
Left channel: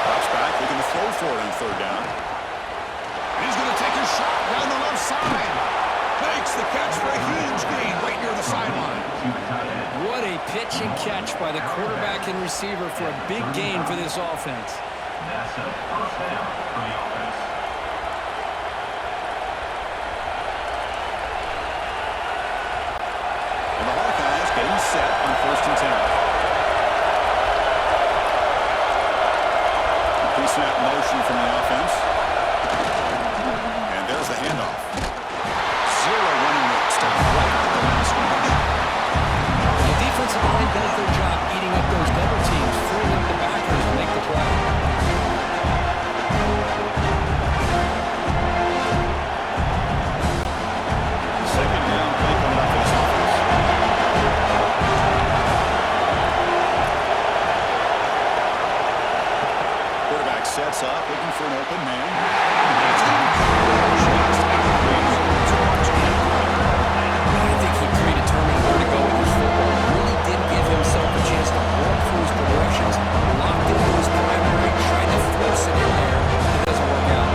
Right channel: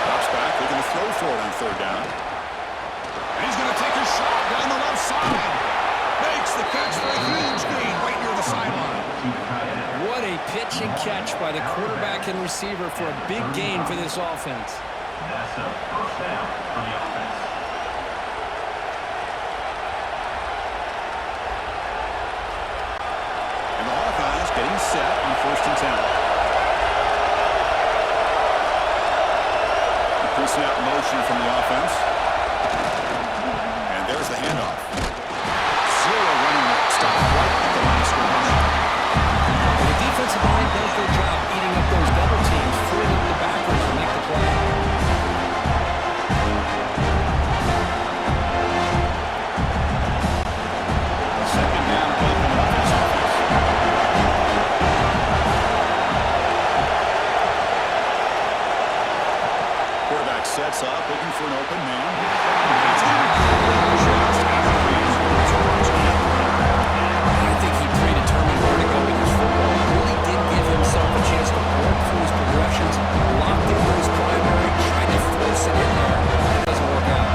Drops back, looking to throw for it on 3rd down. And he's going to take a shot down the left side. Makes the catch for a huge gain right near the sideline. What a pitch and catch by the quarterback and receiver for a big gain for this offense. That's a 1st down for the offense. And the Hawkeyes getting set on 1st and 10. Pre-snap motion from the offense. And there's the handoff. 0 running room. Stop right at the line of scrimmage. When the defensive line does their job eating up those double teams, freeing up the backers to make the play. Second down play coming up for this offense. Quarterback sets up, looking for an open man. And it's incomplete, just out of reach. I think he predetermined where to go with his football. Really did give himself a chance to work through his progressions, locked into his primary, tried to force it in there. It doesn't work out.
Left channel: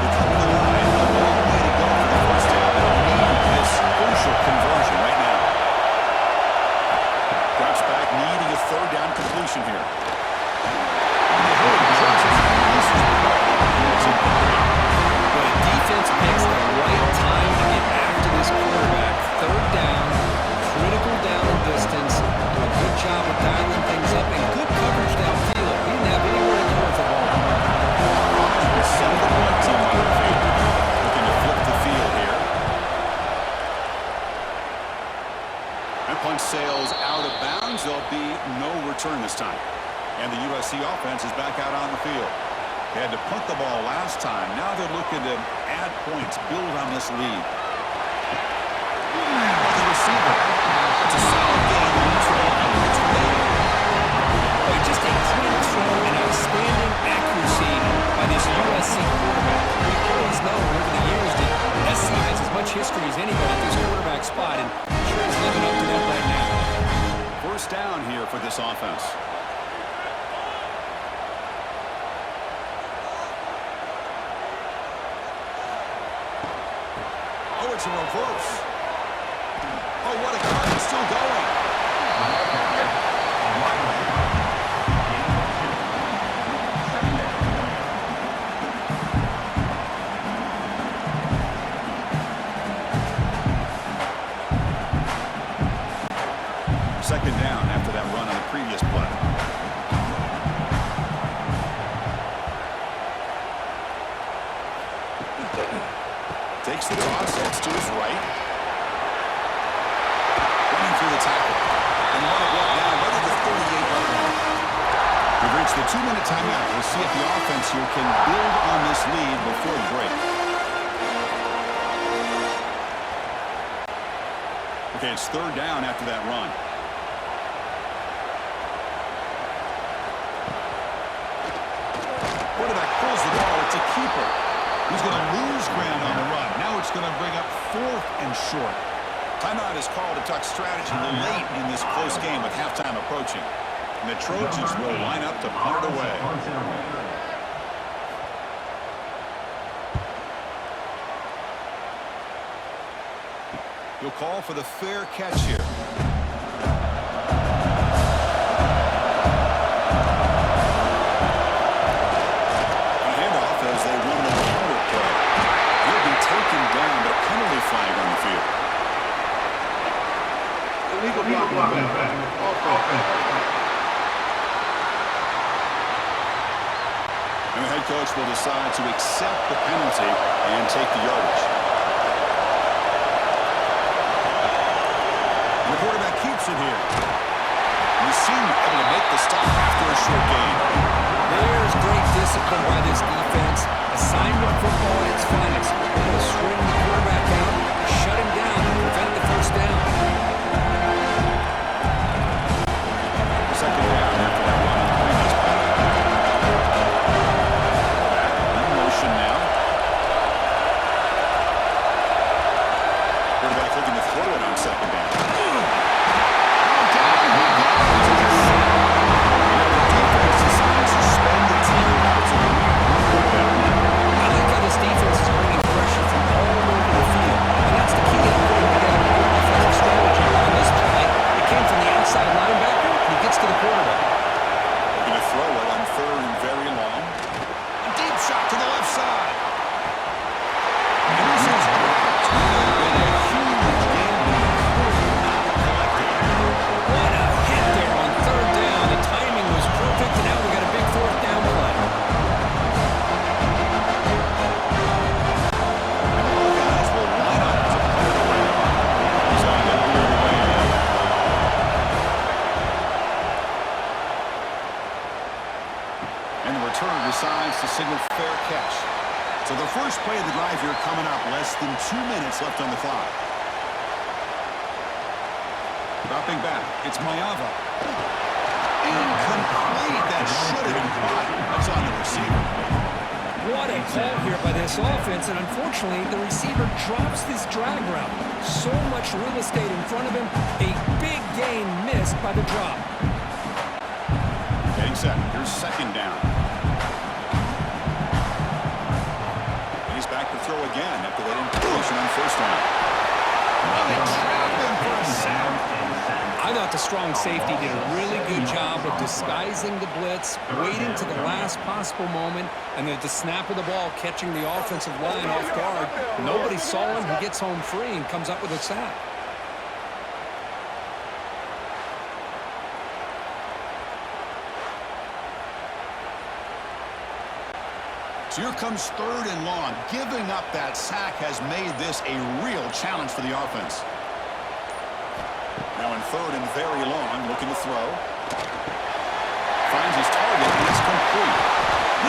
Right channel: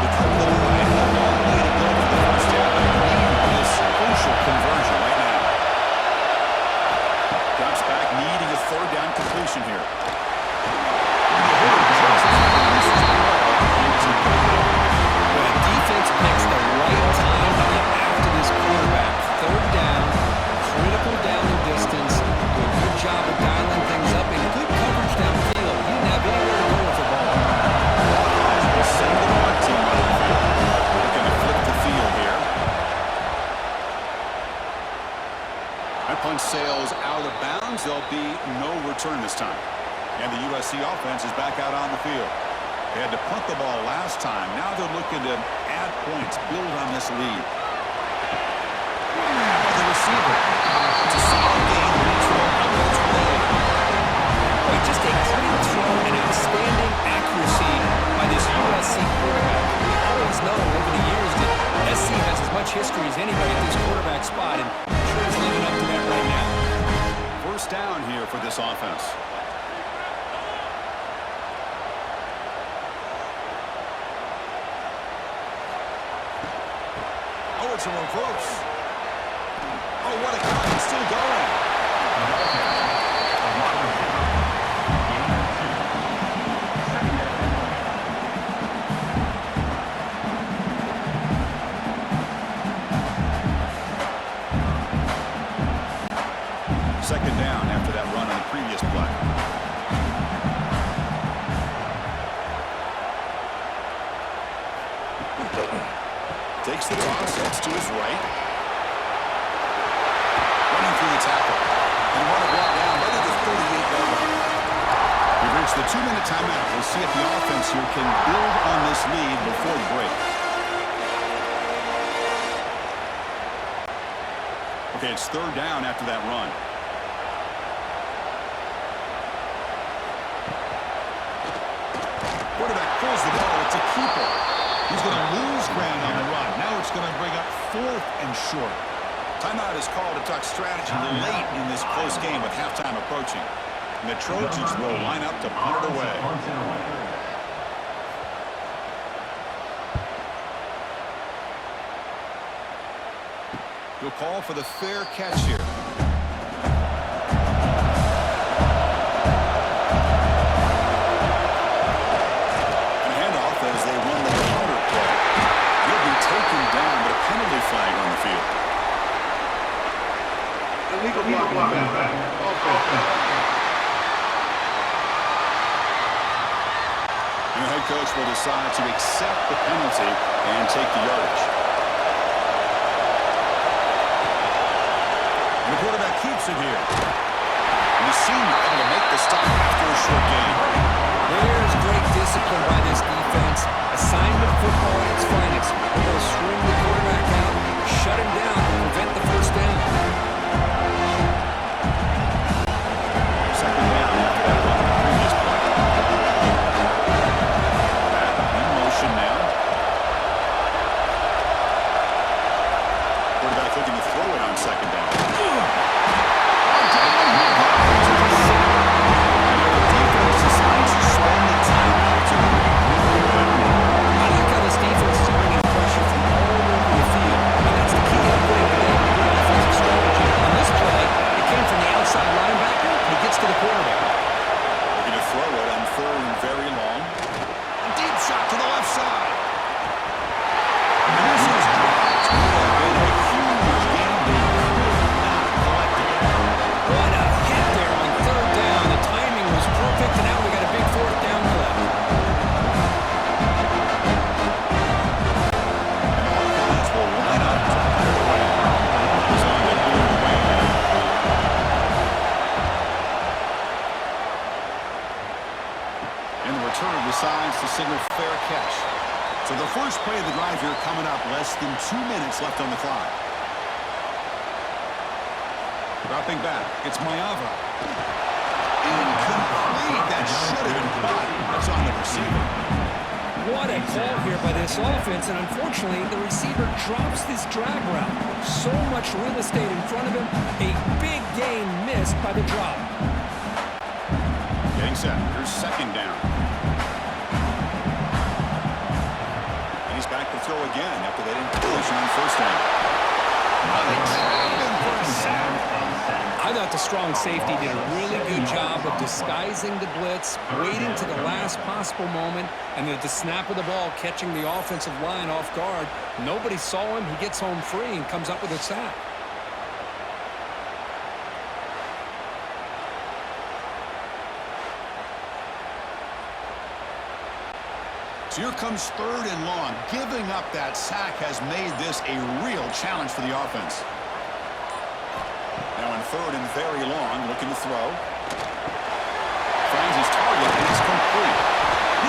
They come to the line, a long way to go for the 1st down, but need this crucial conversion right now. Drops back, needing a 3rd down completion here. But a defense picks the right time to get after this quarterback. 3rd down, critical down and distance. Do a good job of dialing things up and good coverage downfield. He didn't have anywhere to go with the ball. Hawkeyes will send the punt team on the field. Looking to flip the field here. That punt sails out of bounds. There'll be no return this time. And the USC offense is back out on the field. They had to punt the ball last time. Now they're looking to add points, build on this lead. By the receiver. It's a solid gain. Leads the ball out of the 28. Boy, just a clean throw and outstanding accuracy. and sure is living up to that right now. First down here for this offense. Oh, it's a reverse. Oh, what a cut. It's still going. Second down after that run on the previous play. Takes the toss, heads to his right. Running through the tackle. And run it brought down right at the 38-yard line. We've reached the 2-minute timeout. We'll see if the offense here can build on this lead before the break. Okay, it's third down after that run. Quarterback pulls the ball. It's a keeper. He's going to lose ground on the run. Now it's going to bring up 4th and short. Timeout is called to talk strategy late in this close game with halftime approaching. And the Trojans will line up to punt it away. He'll call for the fair catch here. As they run the counter play. He'll be taken down, but a penalty flag on the field. Illegal block back. And the head coach will decide to accept the penalty and take the yardage. And the quarterback keeps it here. And the senior able to make the stop after a short gain. There's great discipline by this defense. Assignment football at its finest. Able to string the quarterback out, shut him down, and prevent the first down. Second down after that run on the previous play. Back in motion now. Quarterback looking to throw it on second down. Down he goes. I like how this defense is bringing pressure from all over the field, and that's the key to putting together a good defensive strategy. On this play, it came from the outside linebacker, and he gets to the quarterback. Looking to throw it on third and very long. A deep shot to the left side. And this is dropped. Would have been a huge game, but he could not collect it. What a hit there on third down. The timing was perfect, and now we got a big fourth down play. Decides to signal fair catch. So the first play of the drive here coming up, less than 2 minutes left on the clock. Dropping back, it's Mayava. Incomplete. That should have been caught. That's on the receiver. What a call here by this offense, and unfortunately, the receiver drops this drag route. So much real estate in front of him. A big gain missed by the drop. Getting set. Here's second down. He's back to throw again after that incompletion on first down. Oh, they trapped him for a sack. I thought the strong safety did a really good job of disguising the blitz, waiting to the last possible moment, and at the snap of the ball, catching the offensive line off guard. Nobody saw him. He gets home free and comes up with a sack. So here comes third and long. Giving up that sack has made this a real challenge for the offense. Now in third and very long, looking to throw. Finds his target, and it's complete.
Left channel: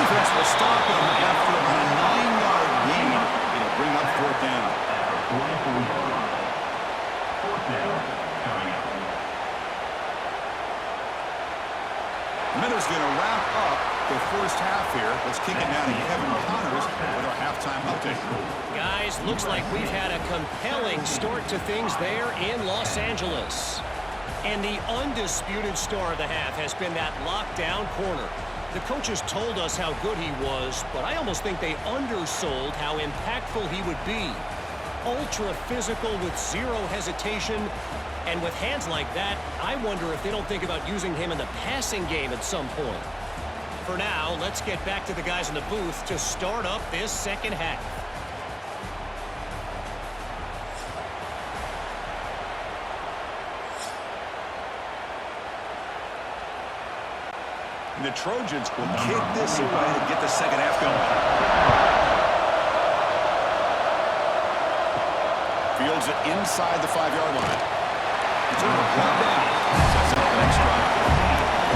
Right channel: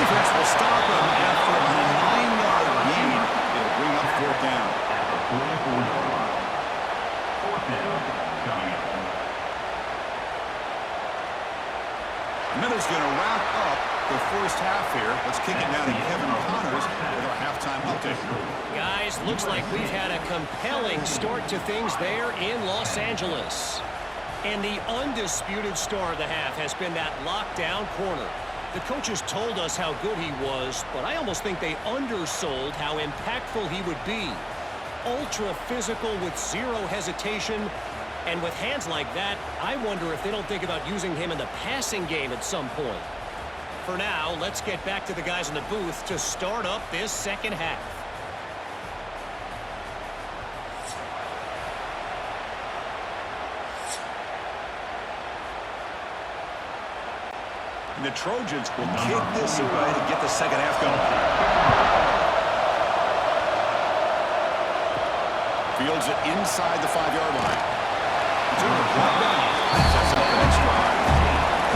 Defense will stop him after about a 9-yard gain. It'll bring up fourth down. At the 44-yard line. Fourth down coming up. Miller's going to wrap up the first half here. Let's kick it now to Kevin Connors with our halftime update. Guys, looks like we've had a compelling start to things there in Los Angeles. And the undisputed star of the half has been that lockdown corner. The coaches told us how good he was, but I almost think they undersold how impactful he would be. Ultra physical with zero hesitation. And with hands like that, I wonder if they don't think about using him in the passing game at some point. For now, let's get back to the guys in the booth to start up this second half. And the Trojans will kick this away to get the second half going. Fields it inside the 5-yard line. He's going to brought down. Sets up the next drive.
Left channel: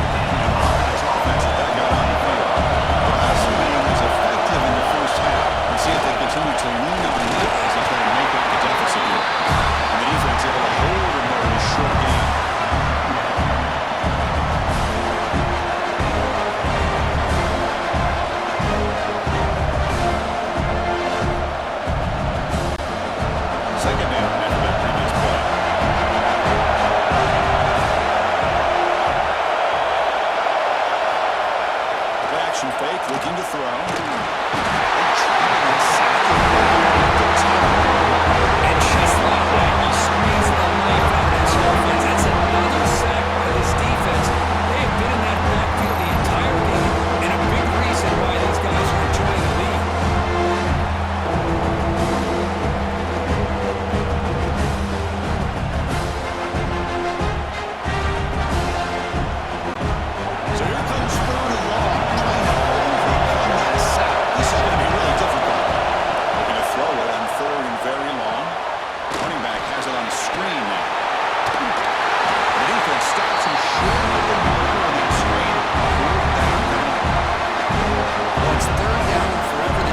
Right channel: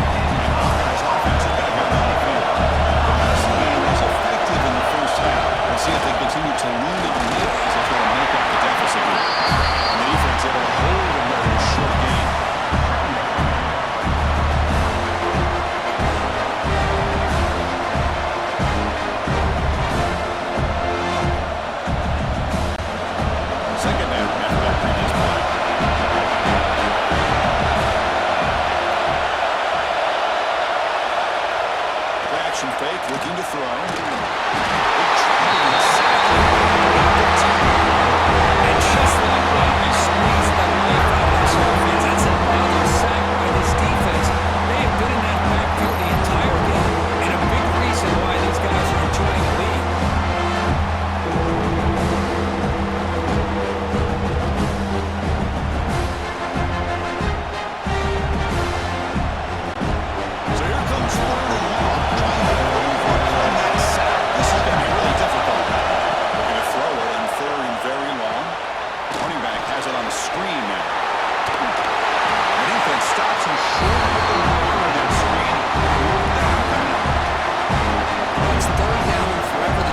And the Hawkeyes offense is back out on the field. The passing game was effective in the first half. Let's see if they continue to lean on that as they try to make up the deficit here. And the defense able to hold them there in a short game. Second down after that previous play. Play action fake, looking to throw. They trap him and sack him at the time.